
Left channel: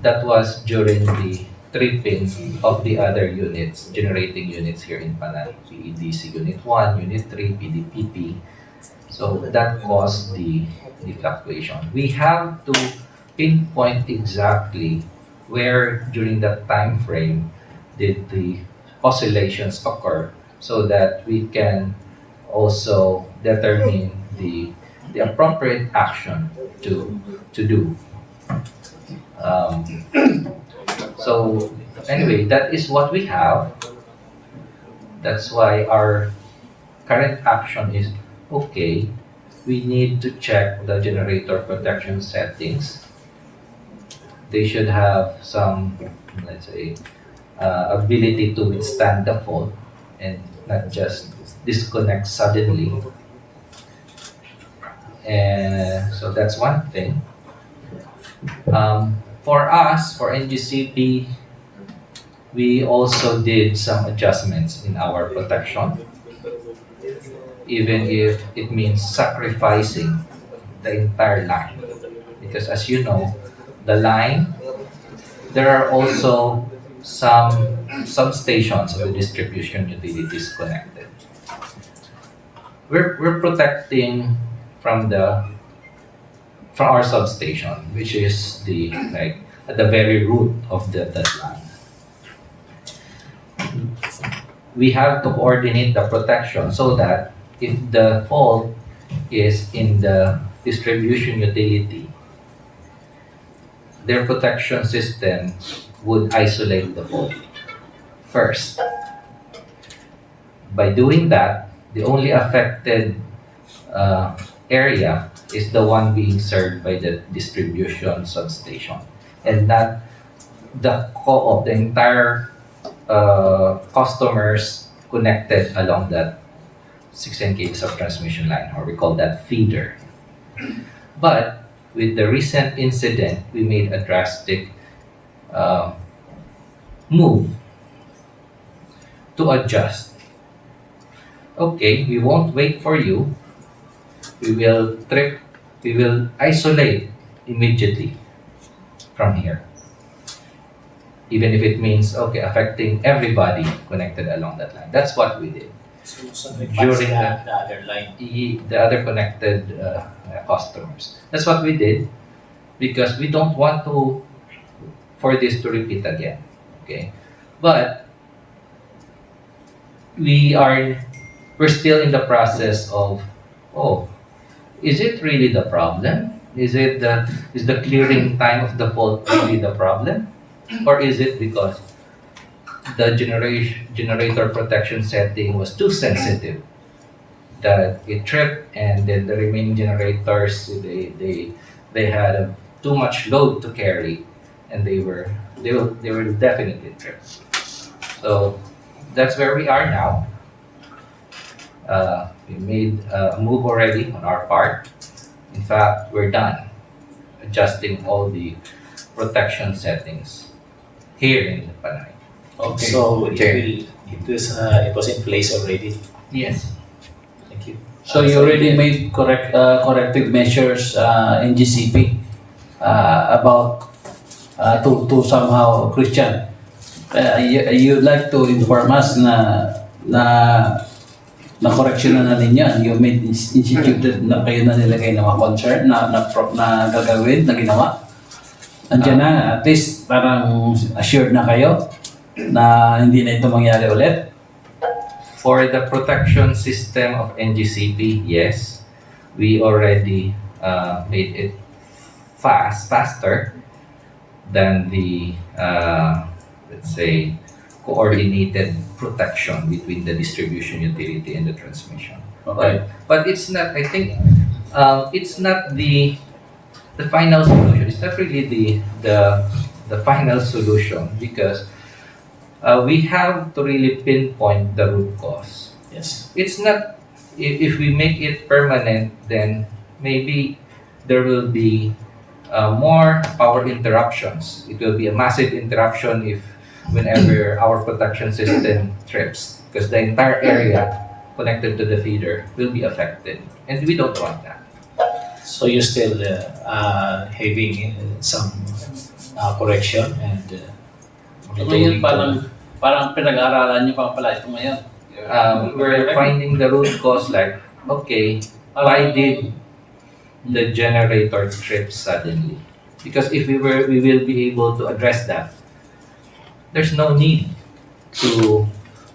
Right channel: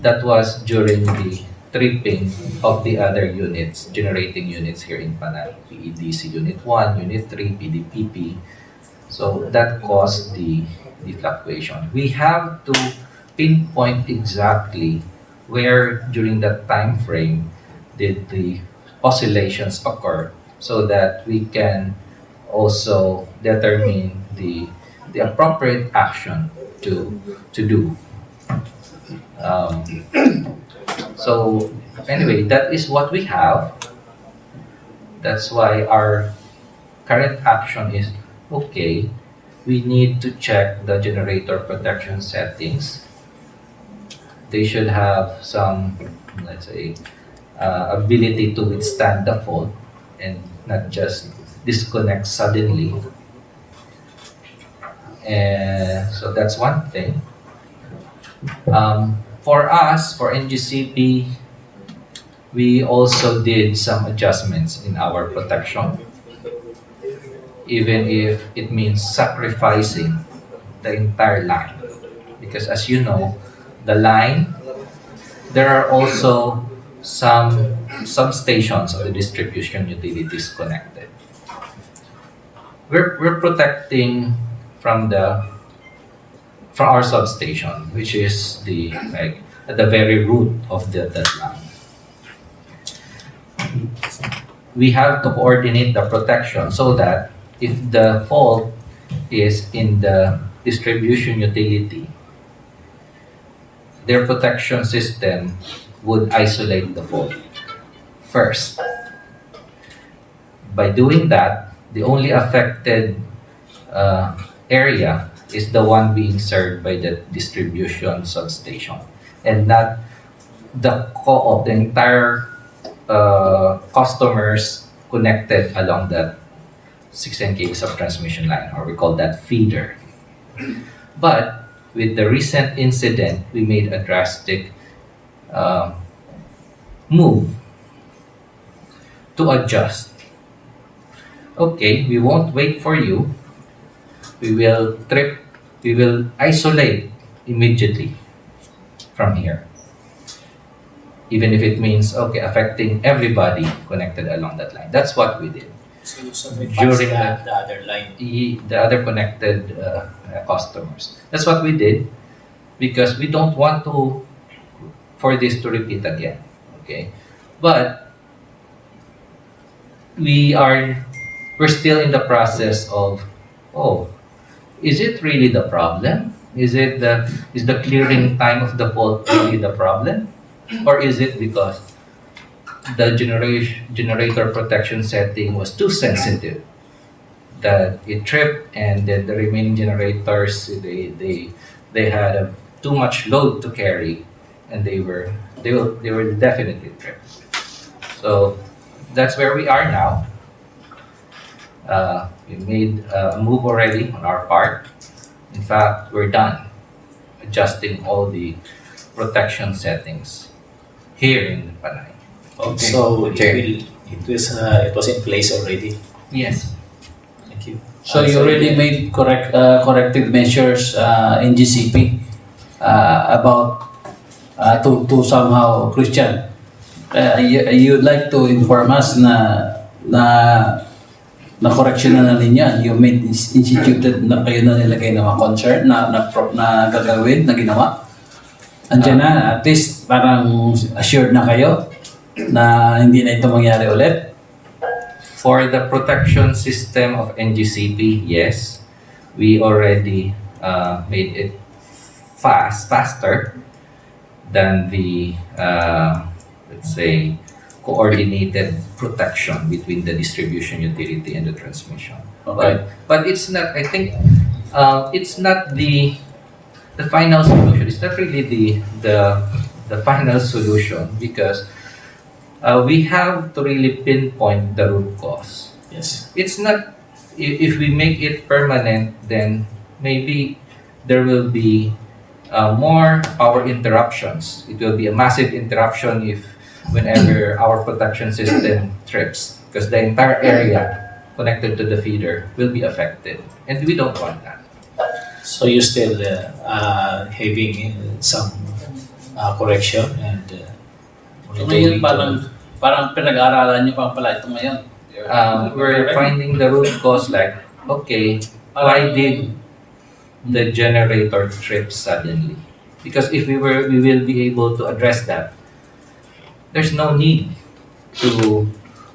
that was during the tripping of the other units, generating units here in Panay, PEDC Unit 1, Unit 3, PDPP. So that caused the fluctuation. We have to pinpoint exactly where during that time frame did the oscillations occur so that we can also determine the appropriate action to do. Um, so anyway, that is what we have. That's why our current action is okay. We need to check the generator protection settings. They should have some, let's say, ability to withstand the fault and not just disconnect suddenly. And so that's one thing. For us, for NGCP, we also did some adjustments in our protection, even if it means sacrificing the entire line. Because as you know, the line, there are also some substations of the distribution utilities connected. We're protecting from our substation, which is the like at the very root of that line. We have to coordinate the protection so that if the fault is in the distribution utility, their protection system would isolate the fault first. By doing that, the only affected area is the one being served by the distribution substation, and not the co-op, the entire customers connected along that 16 kV of transmission line, or we call that feeder. But with the recent incident, we made a drastic move to adjust. Okay, we won't wait for you. We will isolate immediately from here. Even if it means, okay, affecting everybody connected along that line. That's what we did. So During the other line. The other connected customers. That's what we did because we don't want for this to repeat again. Okay, but we're still in the process of, is it really the problem? Is the clearing time of the fault really the problem, or is it because the generator protection setting was too sensitive that it tripped, and then the remaining generators they had too much load to carry, and they were definitely tripped. So that's where we are now. We made a move already on our part. In fact, we're done adjusting all the protection settings here in Panay. Okay. So Chair. it was in place already. Yes. Thank you. So you already made corrective measures in GCP about to somehow Christian. You'd like to inform us na correction na ninyo, you made instituted na kayo na nilagay na mga concern na gagawin, na ginawa. Andiyan na, at least parang assured na kayo na hindi na ito mangyari ulit. For the protection system of NGCP, yes, we already made it faster than the let's say coordinated protection between the distribution utility and the transmission. Okay. But it's not. I think it's not the final solution. It's not really the final solution because we have to really pinpoint the root cause. Yes. It's not. If we make it permanent, then maybe there will be more power interruptions. It will be a massive interruption whenever our protection system trips, because the entire area connected to the feeder will be affected, and we don't want that. So you still having some correction and Ngayon parang pinag-aaralan nyo pa pala ito ngayon. We're finding the root cause, like, okay, why did the generator trip suddenly? Because if we will be able to address that, there's no need to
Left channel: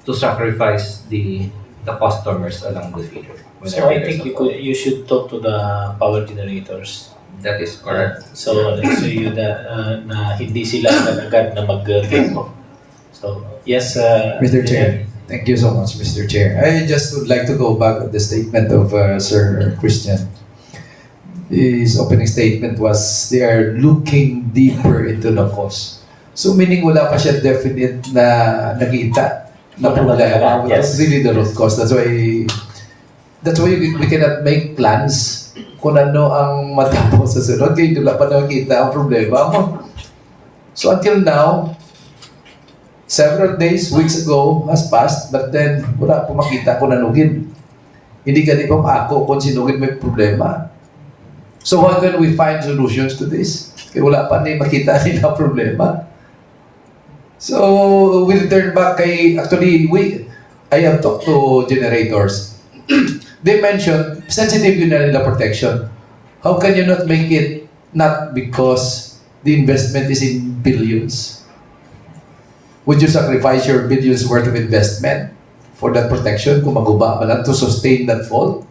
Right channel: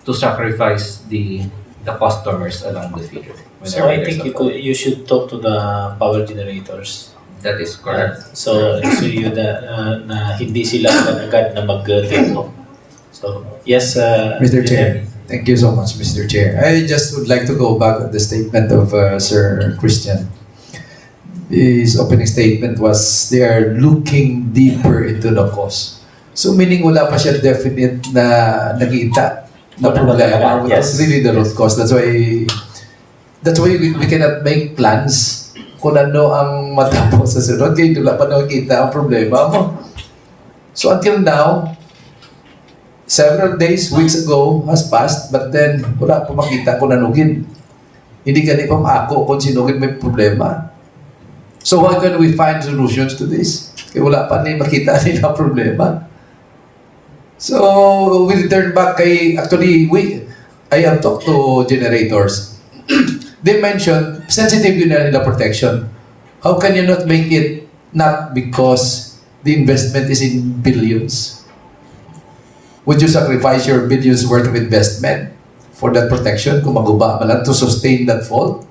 to sacrifice the customers along the field. So whenever I there's think a problem. you should talk to the power generators. That is correct. So you na hindi sila agad na mag-tempo. So yes, Mr. Chair, thank you so much, Mr. Chair. I just would like to go back on the statement of Sir Christian. His opening statement was they are looking deeper into the cause. So meaning wala pa siya definite na nakita na problema. Yes. That's really the root cause. That's why we cannot make plans kung ano ang matapos sa sunod. Kaya wala pa nakikita ang problema mo. So until now, several days, weeks ago has passed, but then wala pa makita kung nanugin. Hindi ka pa maako kung sinugin may problema. So how can we find solutions to this? Kaya wala pa rin makita nila problema. So we return back actually, I have talked to generators. They mentioned sensitive yun na nila protection. How can you not make it not because the investment is in billions? Would you sacrifice your billions worth of investment for that protection kung maguba lang to sustain that fault?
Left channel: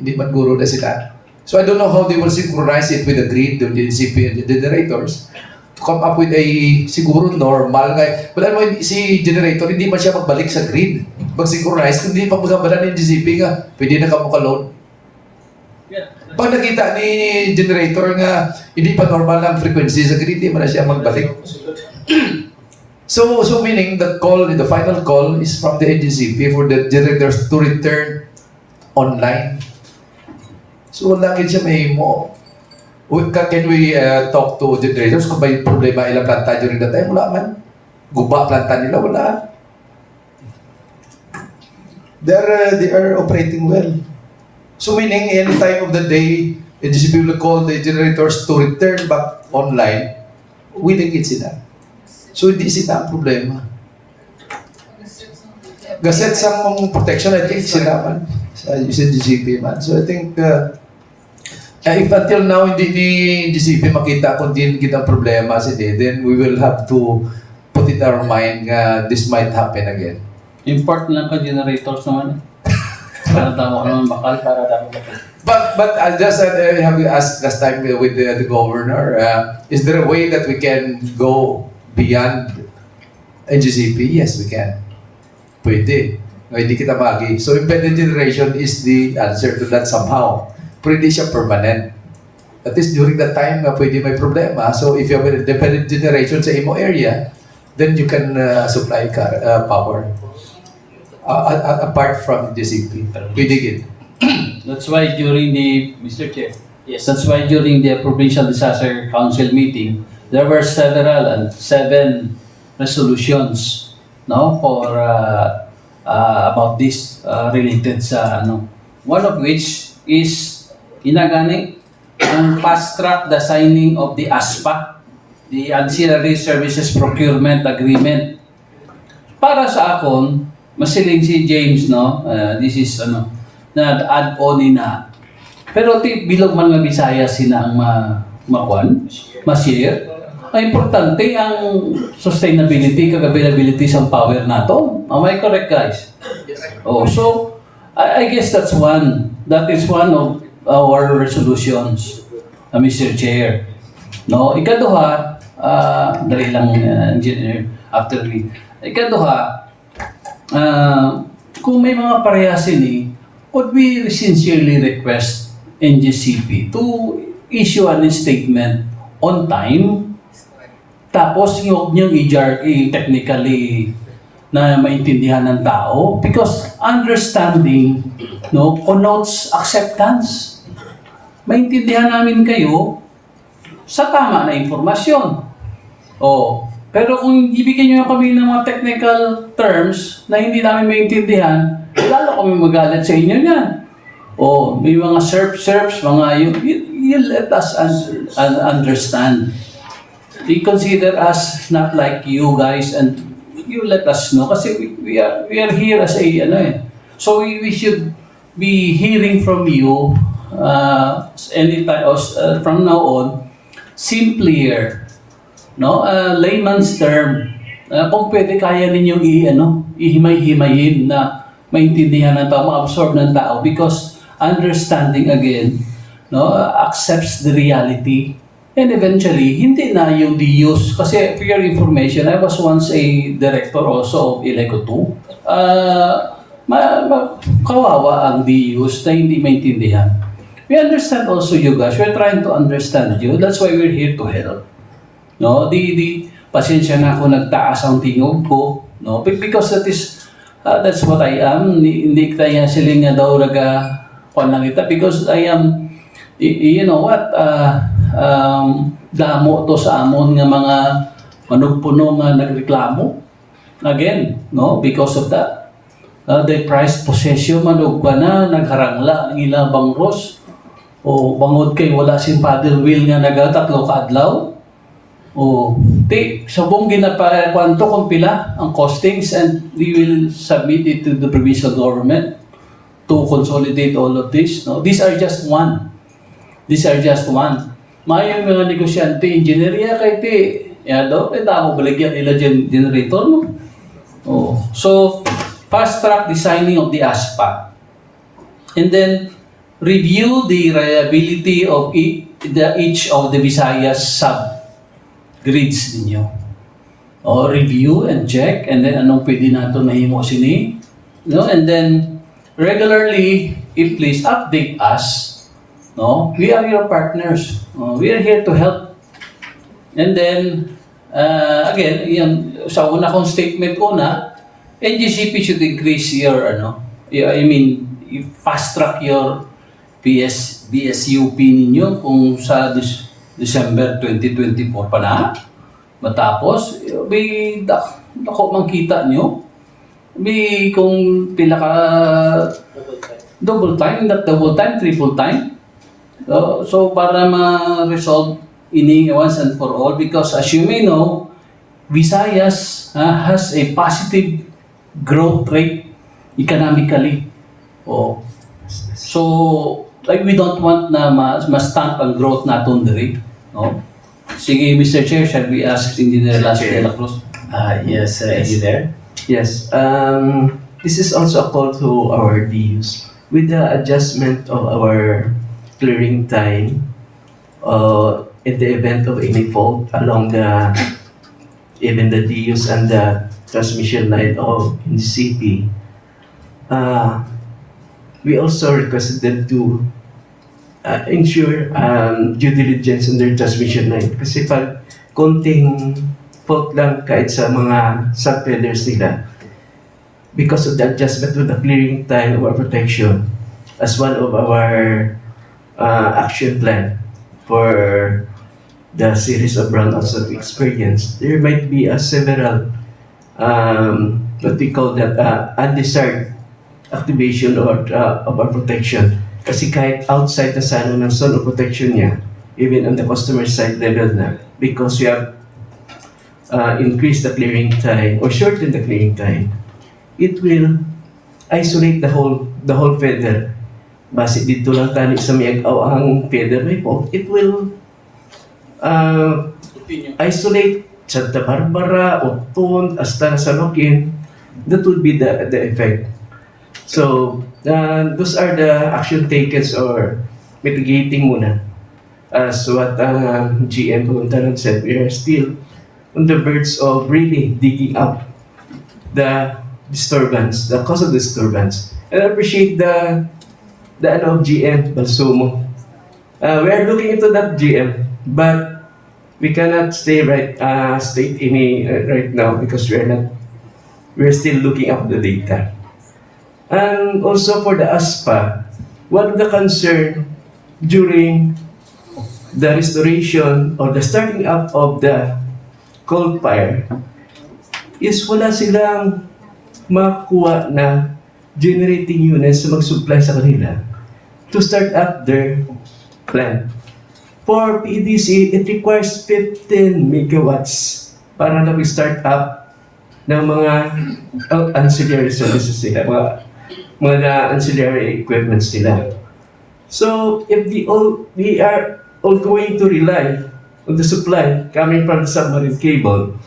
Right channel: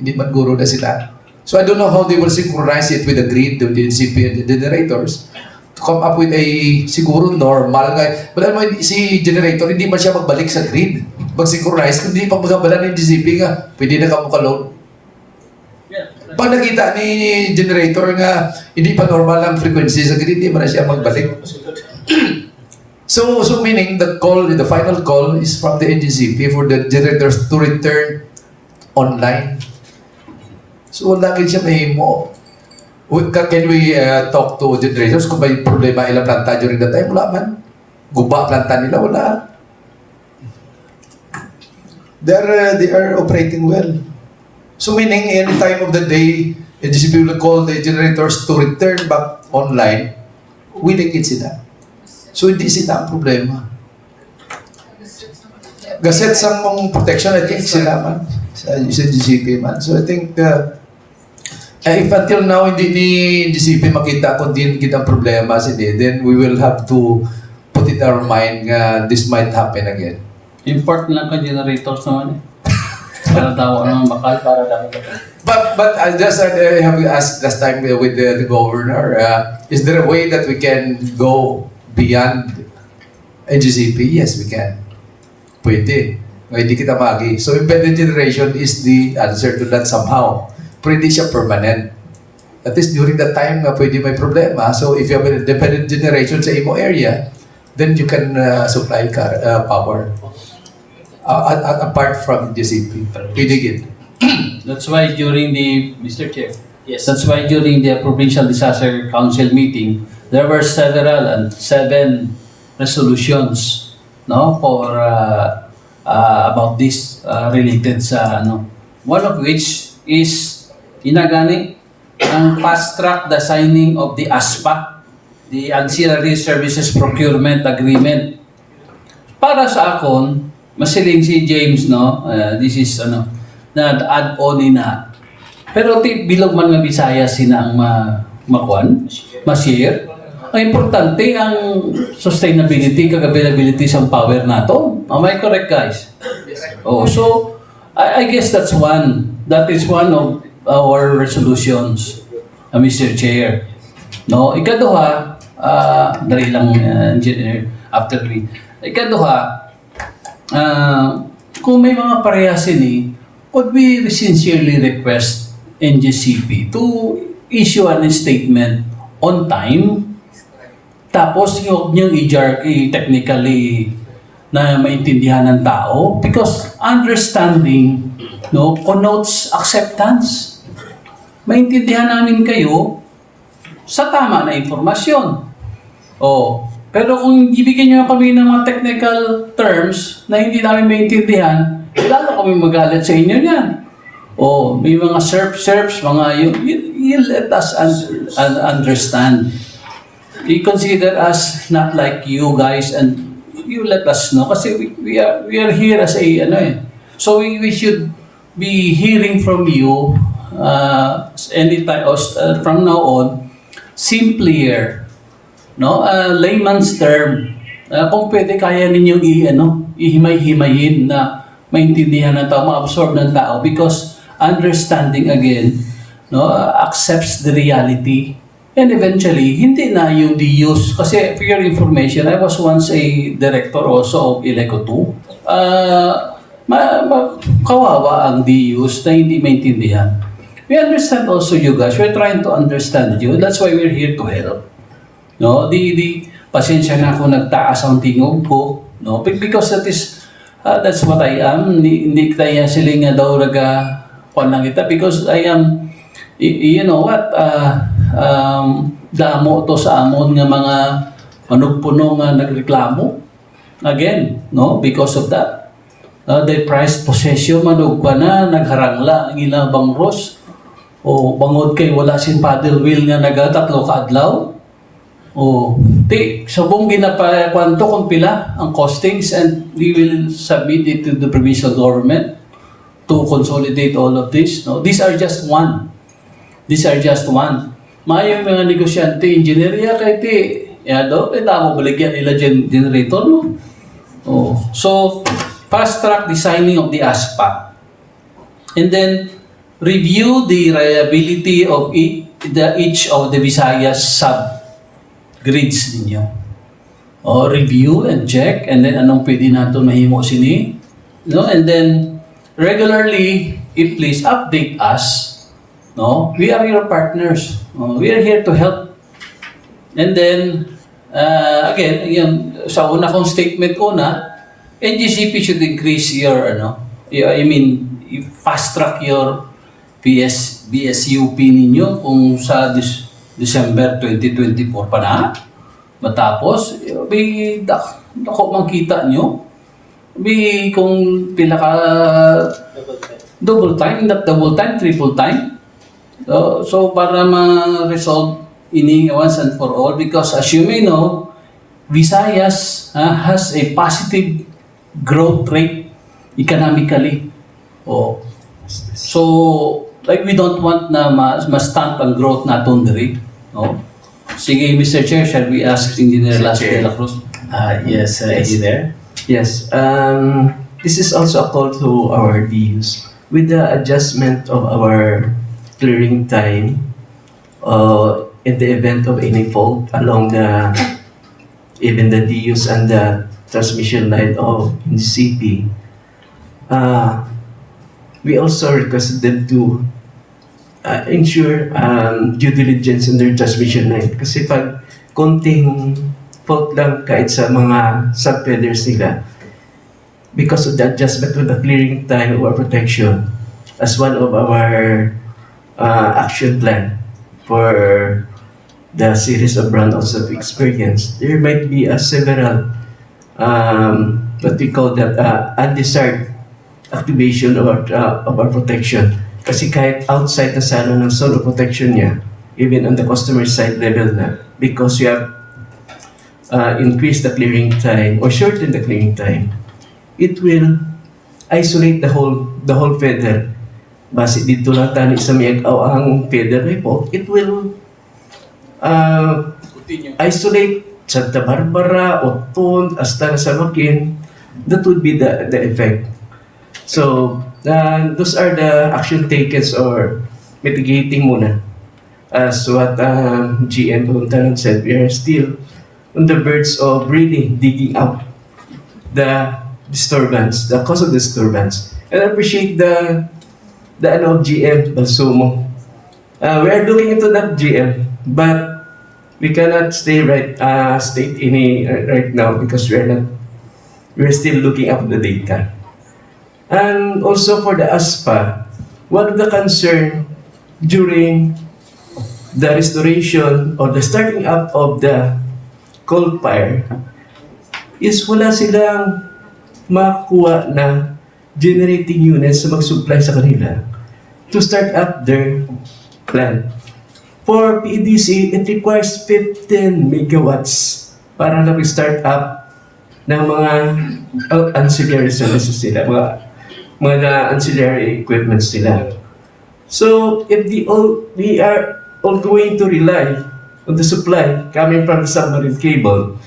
Hindi man guro na sila. So I don't know how they will synchronize it with the grid, the NGCP and the generators to come up with a siguro normal guy. But ano, si generator, hindi man siya magbalik sa grid. Mag-synchronize, kundi pag magabala ng NGCP nga, pwede na ka load. Pag nakita ni generator nga hindi pa normal ang frequency sa grid, hindi man na siya magbalik. So meaning the final call is from the NGCP for the generators to return online. So lagi siya may mo. Can we talk to generators kung may problema ilang planta during that time? Wala man. Guba planta nila, wala. They are operating well. So meaning any time of the day, NGCP will call the generators to return back online, winikit sila. So hindi sila ang problema. Gaset sa mong protection, I think sila man. Sa NGCP man. So I think if until now hindi ni NGCP makita kung din kita problema sila, then we will have to put it in our mind this might happen again. Import lang ka generators naman eh. Para daw ano bakal. But I just have asked last time with the governor, is there a way that we can go beyond NGCP? Yes, we can. Pwede. Hindi kita magi. So independent generation is the answer to that somehow. Pero hindi siya permanent. At least during that time na pwede may problema. So if you have an independent generation sa imo area, then you can supply power. Apart from NGCP. Pwede gid. That's why during the, Mr. Chair, yes. that's why during the Provincial Disaster Council meeting, there were 7 resolutions, no, for about this related sa ano. One of which is ginagani ang fast track the signing of the ASPA, the Ancillary Services Procurement Agreement. Para sa akon, masiling si James, no, this is ano, na add-on na. Pero bilog man nga Bisaya sina ang makuan, ma-share. Ang importante ang sustainability, availability sa power nato. Am I correct, guys? Oh, so I guess that's one. That is one of our resolutions, Mr. Chair. No, ikaduha, dali lang engineer after me. Ikaduha, kung may mga parehasin would we sincerely request NGCP to issue a statement on time, tapos yung technically na maintindihan ng tao, because understanding, no, connotes acceptance. Maintindihan namin kayo sa tama na informasyon. Pero kung ibigyan nyo kami ng mga technical terms na hindi namin maintindihan, lalo kami magalit sa inyo yan. May mga SERPs, mga you let us understand. You consider us not like you guys and you let us know. Kasi we are here as a, so we should be hearing from you anytime, from now on, simpler, no, layman's term, kung pwede kaya ninyong ihimay-himayin na maintindihan ng tao, ma-absorb ng tao because understanding again, no, accepts the reality. And eventually, hindi na yung DUs. Kasi for your information, I was once a director also of Iloilo 2. Kawawa ang DUs na hindi maintindihan. We understand also you guys. We're trying to understand you. That's why we're here to help. No, pasensya na ako nagtaas ang tingog ko, no? Because that's what I am. Hindi kaya siling nga daw kuan lang kita because I am you know what, damo to sa amon nga mga manugpuno nga nagreklamo. Again, no, because of that. The price possession manugpa na nagharangla ang ilang bangros o bangod kay wala sin paddle wheel nga nagatatlo ka adlaw. O sabong ginapakwanto kung pila ang costings and we will submit it to the provincial government to consolidate all of this. No, these are just one. Maayong mga negosyante, engineer kay yado, kita ako baligyan nila generator, no? Oh. So, fast-track designing of the ASPA. And then, review the reliability of each of the Visayas sub-grids ninyo. O, review and check, and then anong pwede nato mahimo sini. No? And then, regularly, please update us. No, we are your partners. We are here to help. And then, again, sa una kong statement NGCP should increase your, fast track your BSUP ninyo kung sa December 2024 pa na. Matapos, dako makita nyo. Kung pila ka double time, not double time, triple time. So para ma-resolve ini once and for all, because as you may know, Visayas has a positive growth rate economically. So like we don't want na ma-stamp ang growth naton diri. No? Sige, Mr. Chair, shall we ask Engineer Las de la Cruz? Yes, Engineer. Yes, this is also a call to our DUs. With the adjustment of our clearing time, in the event of any fault along even the DUs and the transmission line of NGCP, we also requested them to ensure due diligence in their transmission line. Kasi pag konting fault lang kahit sa mga sub-feeders nila, because of the adjustment of the clearing time or protection as one of our action plan for the series of brownouts that we experienced, there might be several what we call that undesired activation of our protection. Kasi kahit outside the salon ng zone of protection niya, even on the customer side level na, because you have increased the clearing time or shortened the clearing time, it will isolate the whole feather. Base dito lang tani sa miagaw ang feather report, it will isolate Santa Barbara, Oton, hasta sa Makin. That would be the effect. So, those are the action taken or mitigating muna. As what GM Voluntaran said, we are still on the verge of really digging out the disturbance, the cause of disturbance. And I appreciate the of GM Balsumo. We are looking into that GM, but we cannot state any right now because we're still looking up the data. And also for the ASPA, one of the concern during the restoration or the starting up of the coal fire is wala silang makuha na generating units na mag-supply sa kanila to start up their plant. For PDC, it requires 15 megawatts para na start up ng mga ancillary services nila, mga ancillary equipments nila. So, if we are all going to rely on the supply coming from the submarine cable,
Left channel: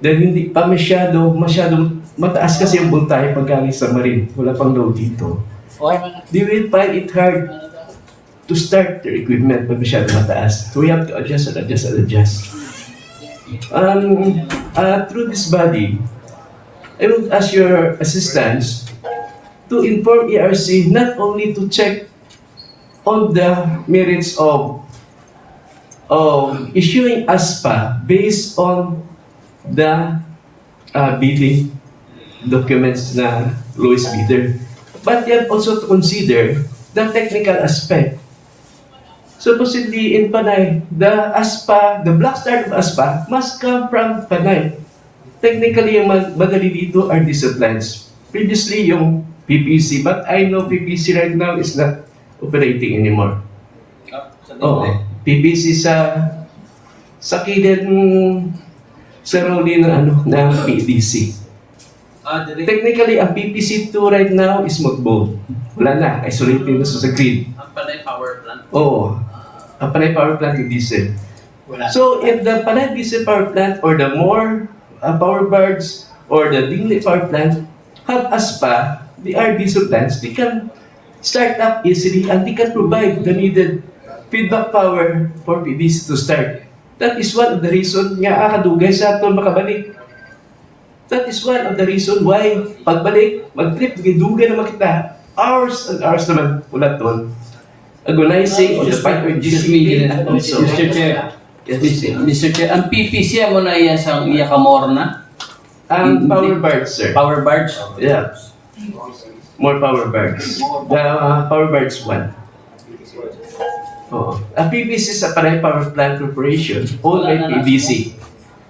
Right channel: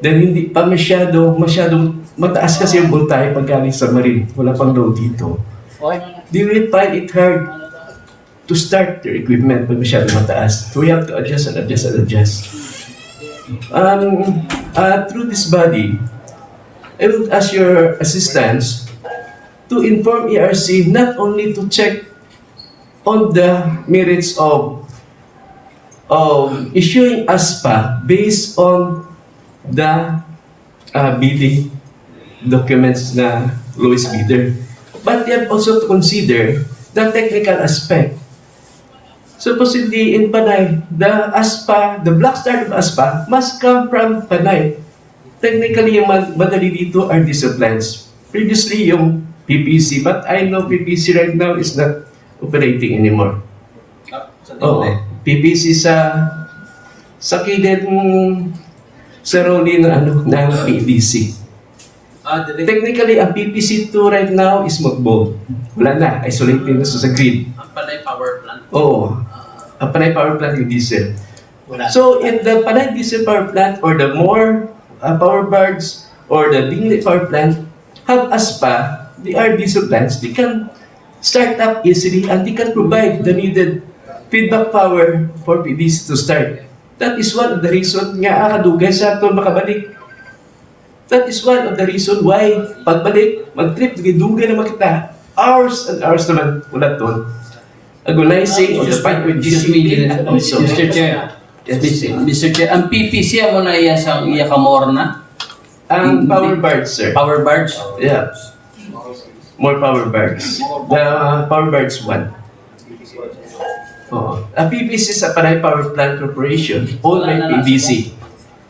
then hindi pa masyadong mataas kasi yung voltahe pag galing sa marine, wala pang load dito, they will find it hard to start their equipment pag masyado mataas. So we have to adjust and adjust and adjust. Through this body, I will ask your assistance to inform ERC not only to check on the merits of issuing ASPA based on the bidding documents na lowest bidder, but they have also to consider the technical aspect. Supposedly in Panay, the ASPA, the black start of ASPA must come from Panay. Technically, yung madali dito are disciplines. Previously, yung PPC, but I know PPC right now is not operating anymore. Oo, PPC sa kilid sa role ng PDC. Technically, ang PPC2 right now is mothballed. Wala na, isolated na sa grid. Ang Panay power plant. Oo, ang Panay power plant yung diesel. Wala. So, if the Panay diesel power plant or the more power barge or the Dingley power plant have ASPA, they are diesel plants, they can start up easily and they can provide the needed feedback power for PDC to start. That is one of the reason nga kadugay sa aton makabalik. That is one of the reason why pagbalik, mag-trip, dugay na makita, hours and hours naman ulat doon. Agonizing on the part with GCP and also. Mr. Chair. Mr. Chair, ang PPC mo na iya sa iya kamor na? Ang power barge, sir. Power barge? Yeah. More power barge. The power barge 1. Oo. Ang PPC sa Panay Power Plant Corporation, owned by PDC.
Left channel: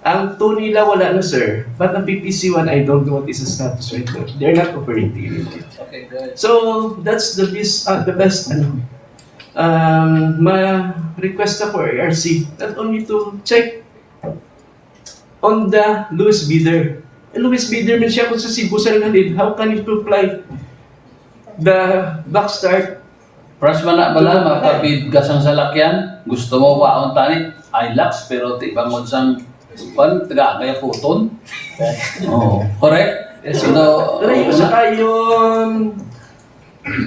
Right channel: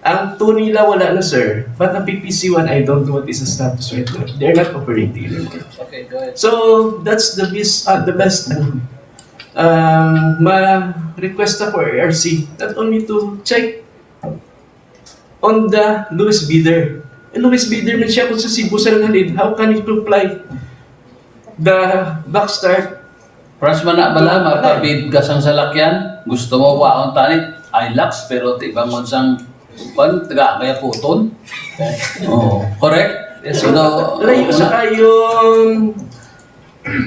Ang 2 nila wala na, sir. But ang PPC1, I don't know what is the status right now. They're not operating anymore. Okay, good. So, that's the best ma-request na for ARC. Not only to check on the lowest bidder. And lowest bidder man siya kung sa Cebu sa Nalin. How can you comply the backstart? Pras man na bala, magpabid ka sang salakyan, gusto mo waon tanit, ILAX, pero ti bangon sang taga kaya puton. Oh, correct? Yes, So, layo sa kayong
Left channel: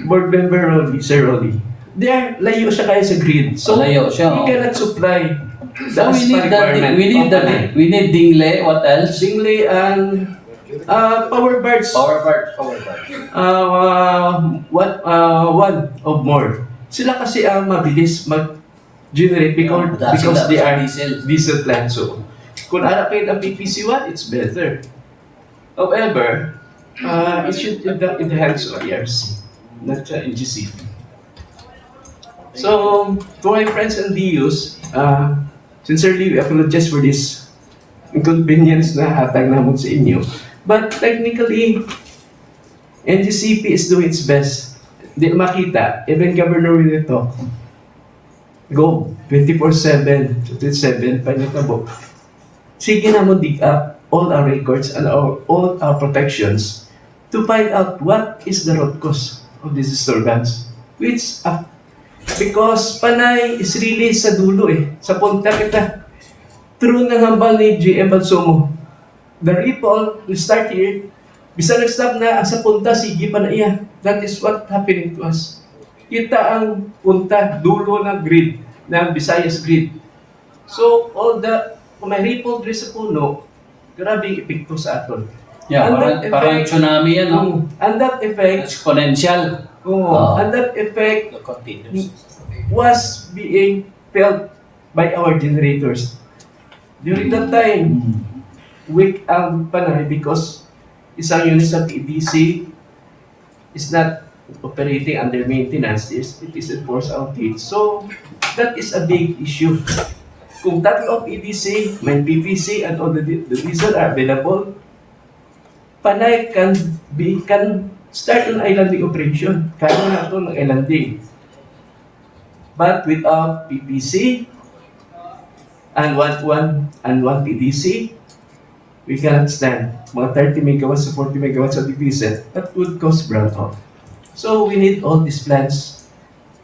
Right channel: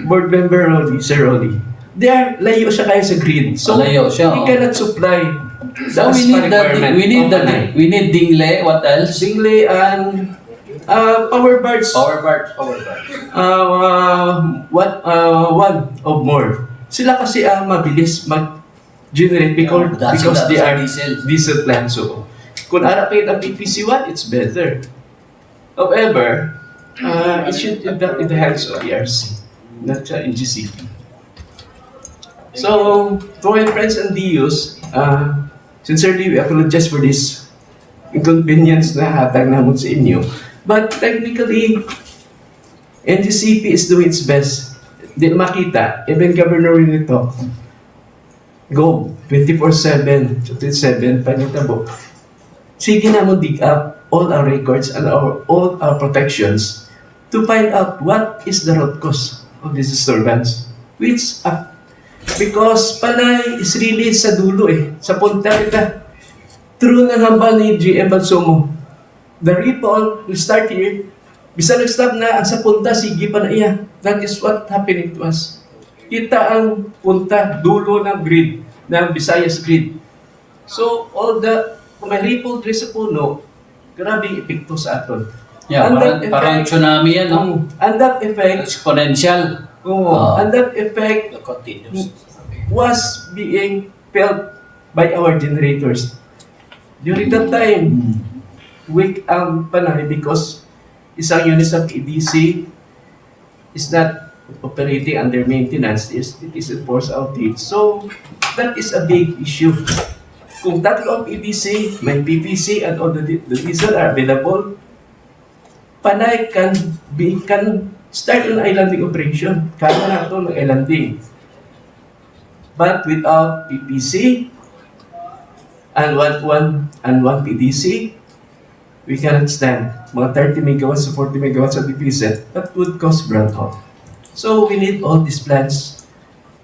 board member Rolly, Sir Rolly. Layo siya kayo sa grid. So, Layo siya, we oh. cannot supply the So we need ASPA that. requirement. We need dingle. What else? Dingley and power barge. Power barge. One of more. Sila kasi ang mabilis mag-generate because they are diesel plants. So, kung harapin ang PPC1, it's better. However, it should end up in the hands of ERC, not NGCP. So, to my friends and DUs, sincerely, we apologize for this inconvenience na hatag namin sa inyo. But technically, NGCP is doing its best. Di makita, even Governor nito, go, 24/7, 7, panitabo. Sige na mo dig up all our records and all our protections to find out what is the root cause of this disturbance. Because Panay is really sa dulo sa punta kita. True na hambal ni GM Balsomo. The ripple will start here. Bisa nag-stop na sa punta, sige pa na iya. That is what happening to us. Kita ang punta, dulo ng grid, ng Visayas grid. So, kung may ripple dito sa puno, grabe yung epekto sa aton. Yeah, parang tsunami yan. And that effect, Exponential. and that effect was being felt by our generators. During that time, weak ang Panay because isang unit sa PDC is not operating under maintenance. It is a force outage. So, that is a big issue. Kung tatlo ang PDC, may PPC, and all the diesel are available, Panay can start an islanding operation. Kaya na ito ng islanding. But without PPC and one PDC, we cannot stand. Mga 30 megawatts to 40 megawatts of PPC, that would cause brownout. So we need all these plants.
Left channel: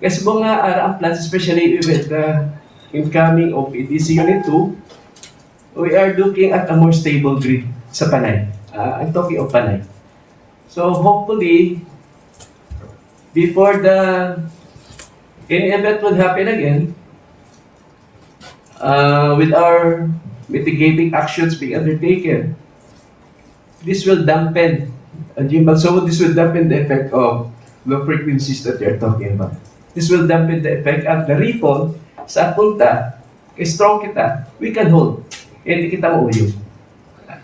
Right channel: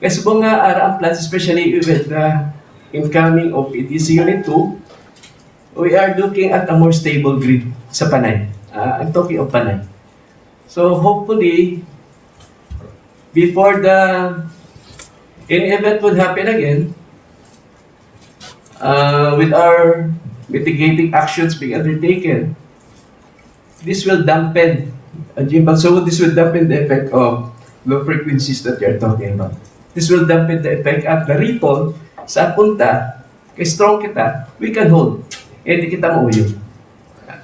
Kasi po nga ang plants, especially with the incoming of PDC Unit 2, we are looking at a more stable grid sa Panay. I'm talking of Panay. So hopefully, before any event would happen again, with our mitigating actions being undertaken, this will dampen, so this will dampen the effect of low frequencies that you're talking about. This will dampen the effect at the ripple sa punta, kay strong kita, we can hold. Hindi kita mauyo.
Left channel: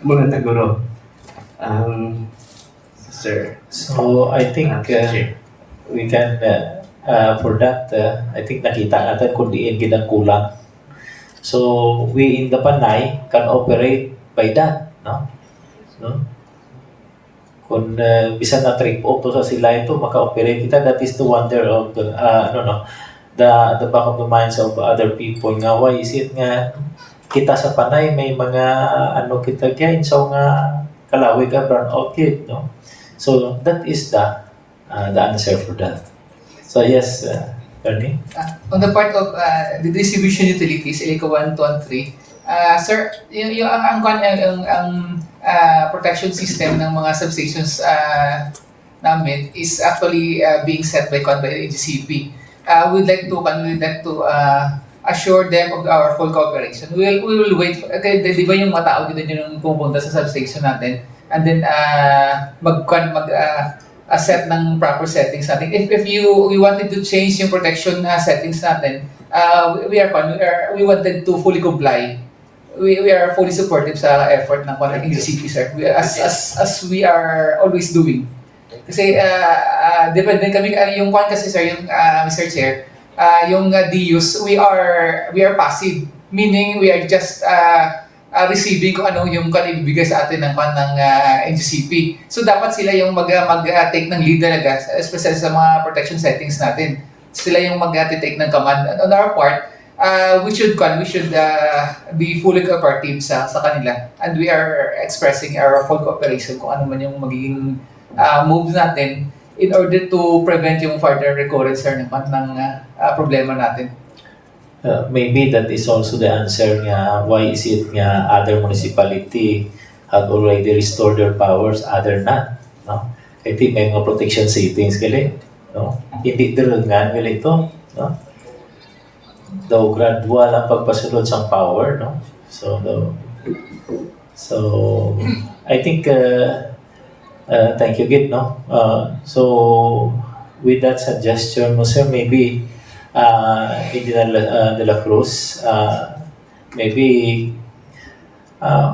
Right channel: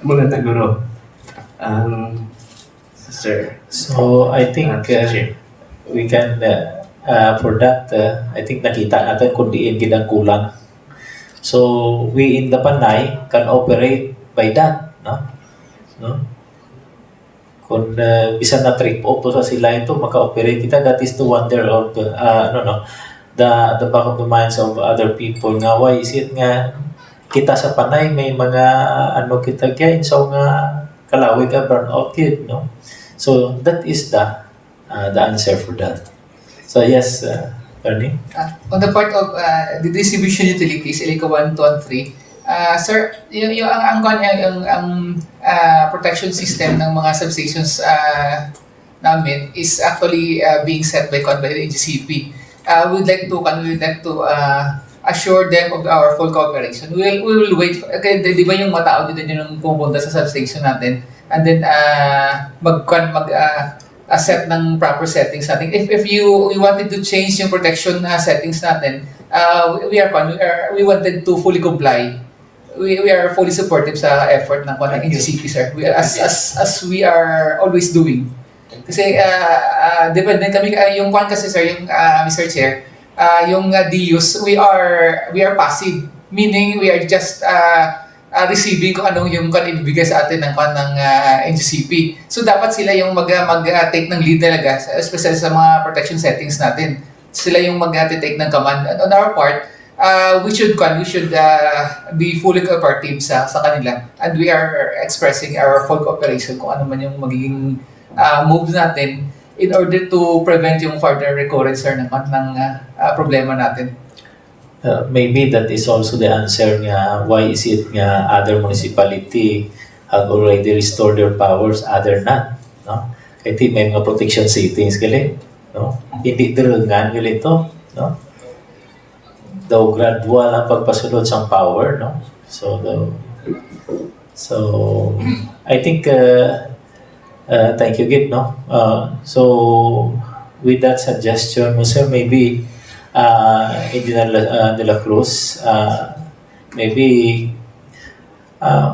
Muna na guro. Sir. So I think Mr. Chair. we can, for that, I think nakita natin kung diin ginang kulang. So we in the Panay can operate by that, no? No? Kung bisan na trip off sa sila ito, maka-operate kita, that is the wonder of the, the back of the minds of other people nga, why is it nga kita sa Panay may mga kita gain so nga kalawig ka burn out kid, no? So that is the answer for that. So yes, Ernie? On the part of the distribution utilities, Iloilo 1, 2, and 3, sir, yung protection system ng mga substations namin is actually being set by the NGCP. We would like to assure them of our full cooperation. We will wait. Okay, di ba yung matao dito yung pupunta sa substation natin, and then set ng proper settings natin. If we wanted to change yung protection settings natin, we wanted to fully comply. We are fully supportive sa effort ng NGCP, sir. As we are always doing. Kasi depende kami yung kasi sir, yung Mr. Chair, yung DUs, we are passive, meaning we are just receiving kung ano yung ibibigay sa atin ng NGCP. So dapat sila yung mag-take ng lead talaga, especially sa mga protection settings natin. Sila yung mag-take ng command. On our part, we should be fully cooperative sa kanila, and we are expressing our full cooperation kung ano man yung magiging moves natin in order to prevent yung further recurrence ng problema natin. Maybe that is also the answer nga why is it nga other municipality have already restored their powers, other not, no? Kaya may mga protection settings gali, no? Hindi direngan gali ito, no? Daw gradual ang pagpasulod sa power, no? So I think thank you Git, no? So with that suggestion mo sir, maybe Engineer De La Cruz, maybe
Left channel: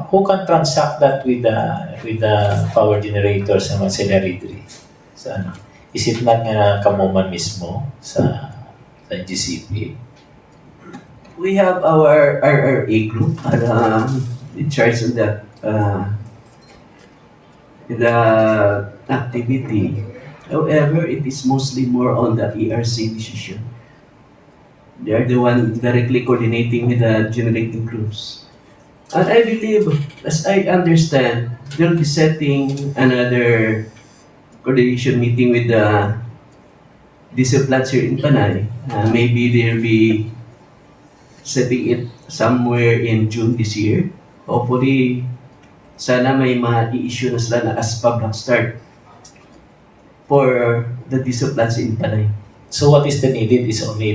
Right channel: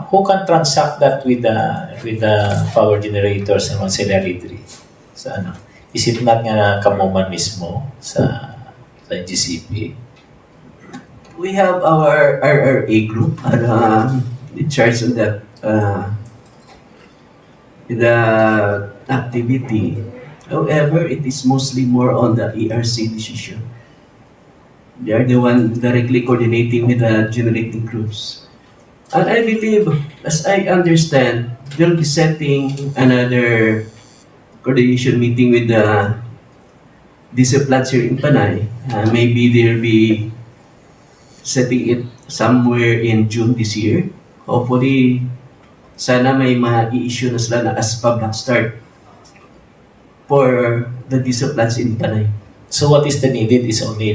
who can transact that with the power generators and auxiliary sa ano? Is it not nga kamuman mismo sa NGCP? We have our RRA group in charge of that the activity. However, it is mostly more on the ERC decision. They are the one directly coordinating with the generating groups. And I believe, as I understand, they'll be setting another coordination meeting with the diesel plants here in Panay. Maybe they'll be setting it somewhere in June this year. Hopefully, sana may ma-i-issue na sila na ASPA Black Start for the diesel plants in Panay. So what is the needed is only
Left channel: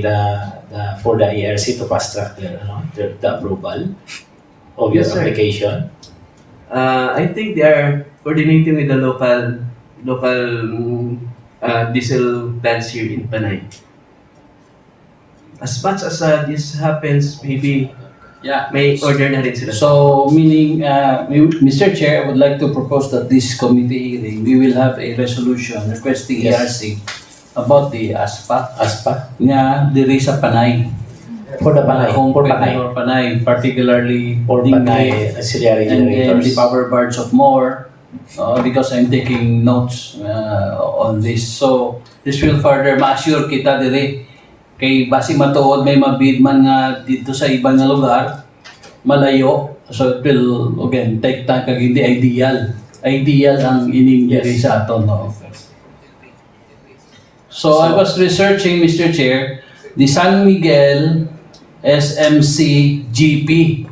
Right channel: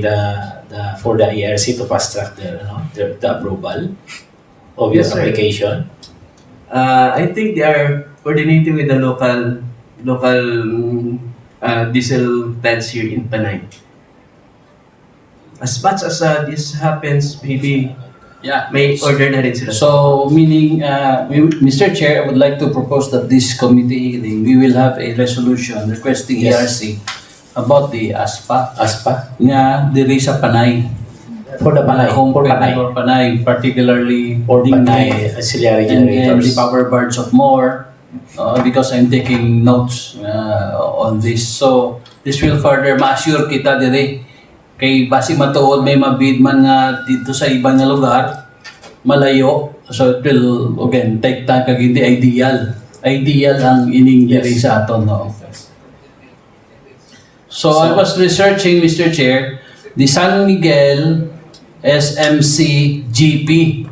for the ERC to fast track the approval of your Yes, sir. application. I think they are coordinating with the local diesel plants here in Panay. As much as this happens, maybe Yeah. may order na rin sila. So, meaning, Mr. Chair, I would like to propose that this committee hearing, we will have a resolution requesting Yes. ERC about the ASPA ASPA nga diri sa Panay. for the Panay, Home for Panay Panay, or Panay, particularly for Dingley Panay auxiliary and then the generators. power barge of Moore, because I'm taking notes on this. So, this will further ma-assure kita diri. Kay basi matuod may mabid man nga dito sa ibang nga lugar, malayo. So, it will, again, take time kag hindi ideal. Ideal ang ining diri Yes. sa aton, no? So, I was researching, Mr. Chair, the San Miguel SMC GP.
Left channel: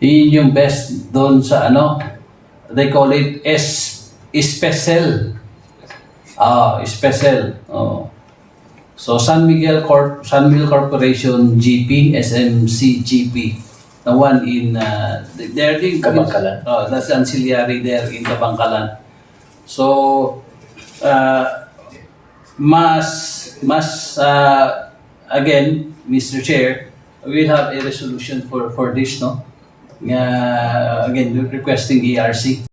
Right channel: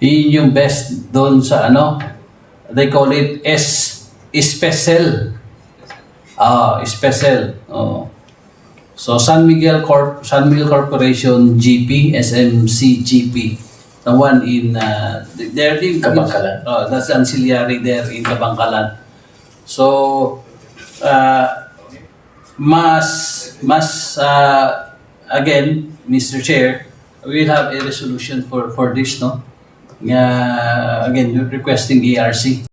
Yun yung best doon sa they call it Especel. Especel. So San Miguel Corporation GP, SMC GP. The one in they're in Kabangkalan. that's ancillary there in Kabangkalan. So again, Mr. Chair, we will have a resolution for this, no? Again, requesting ERC.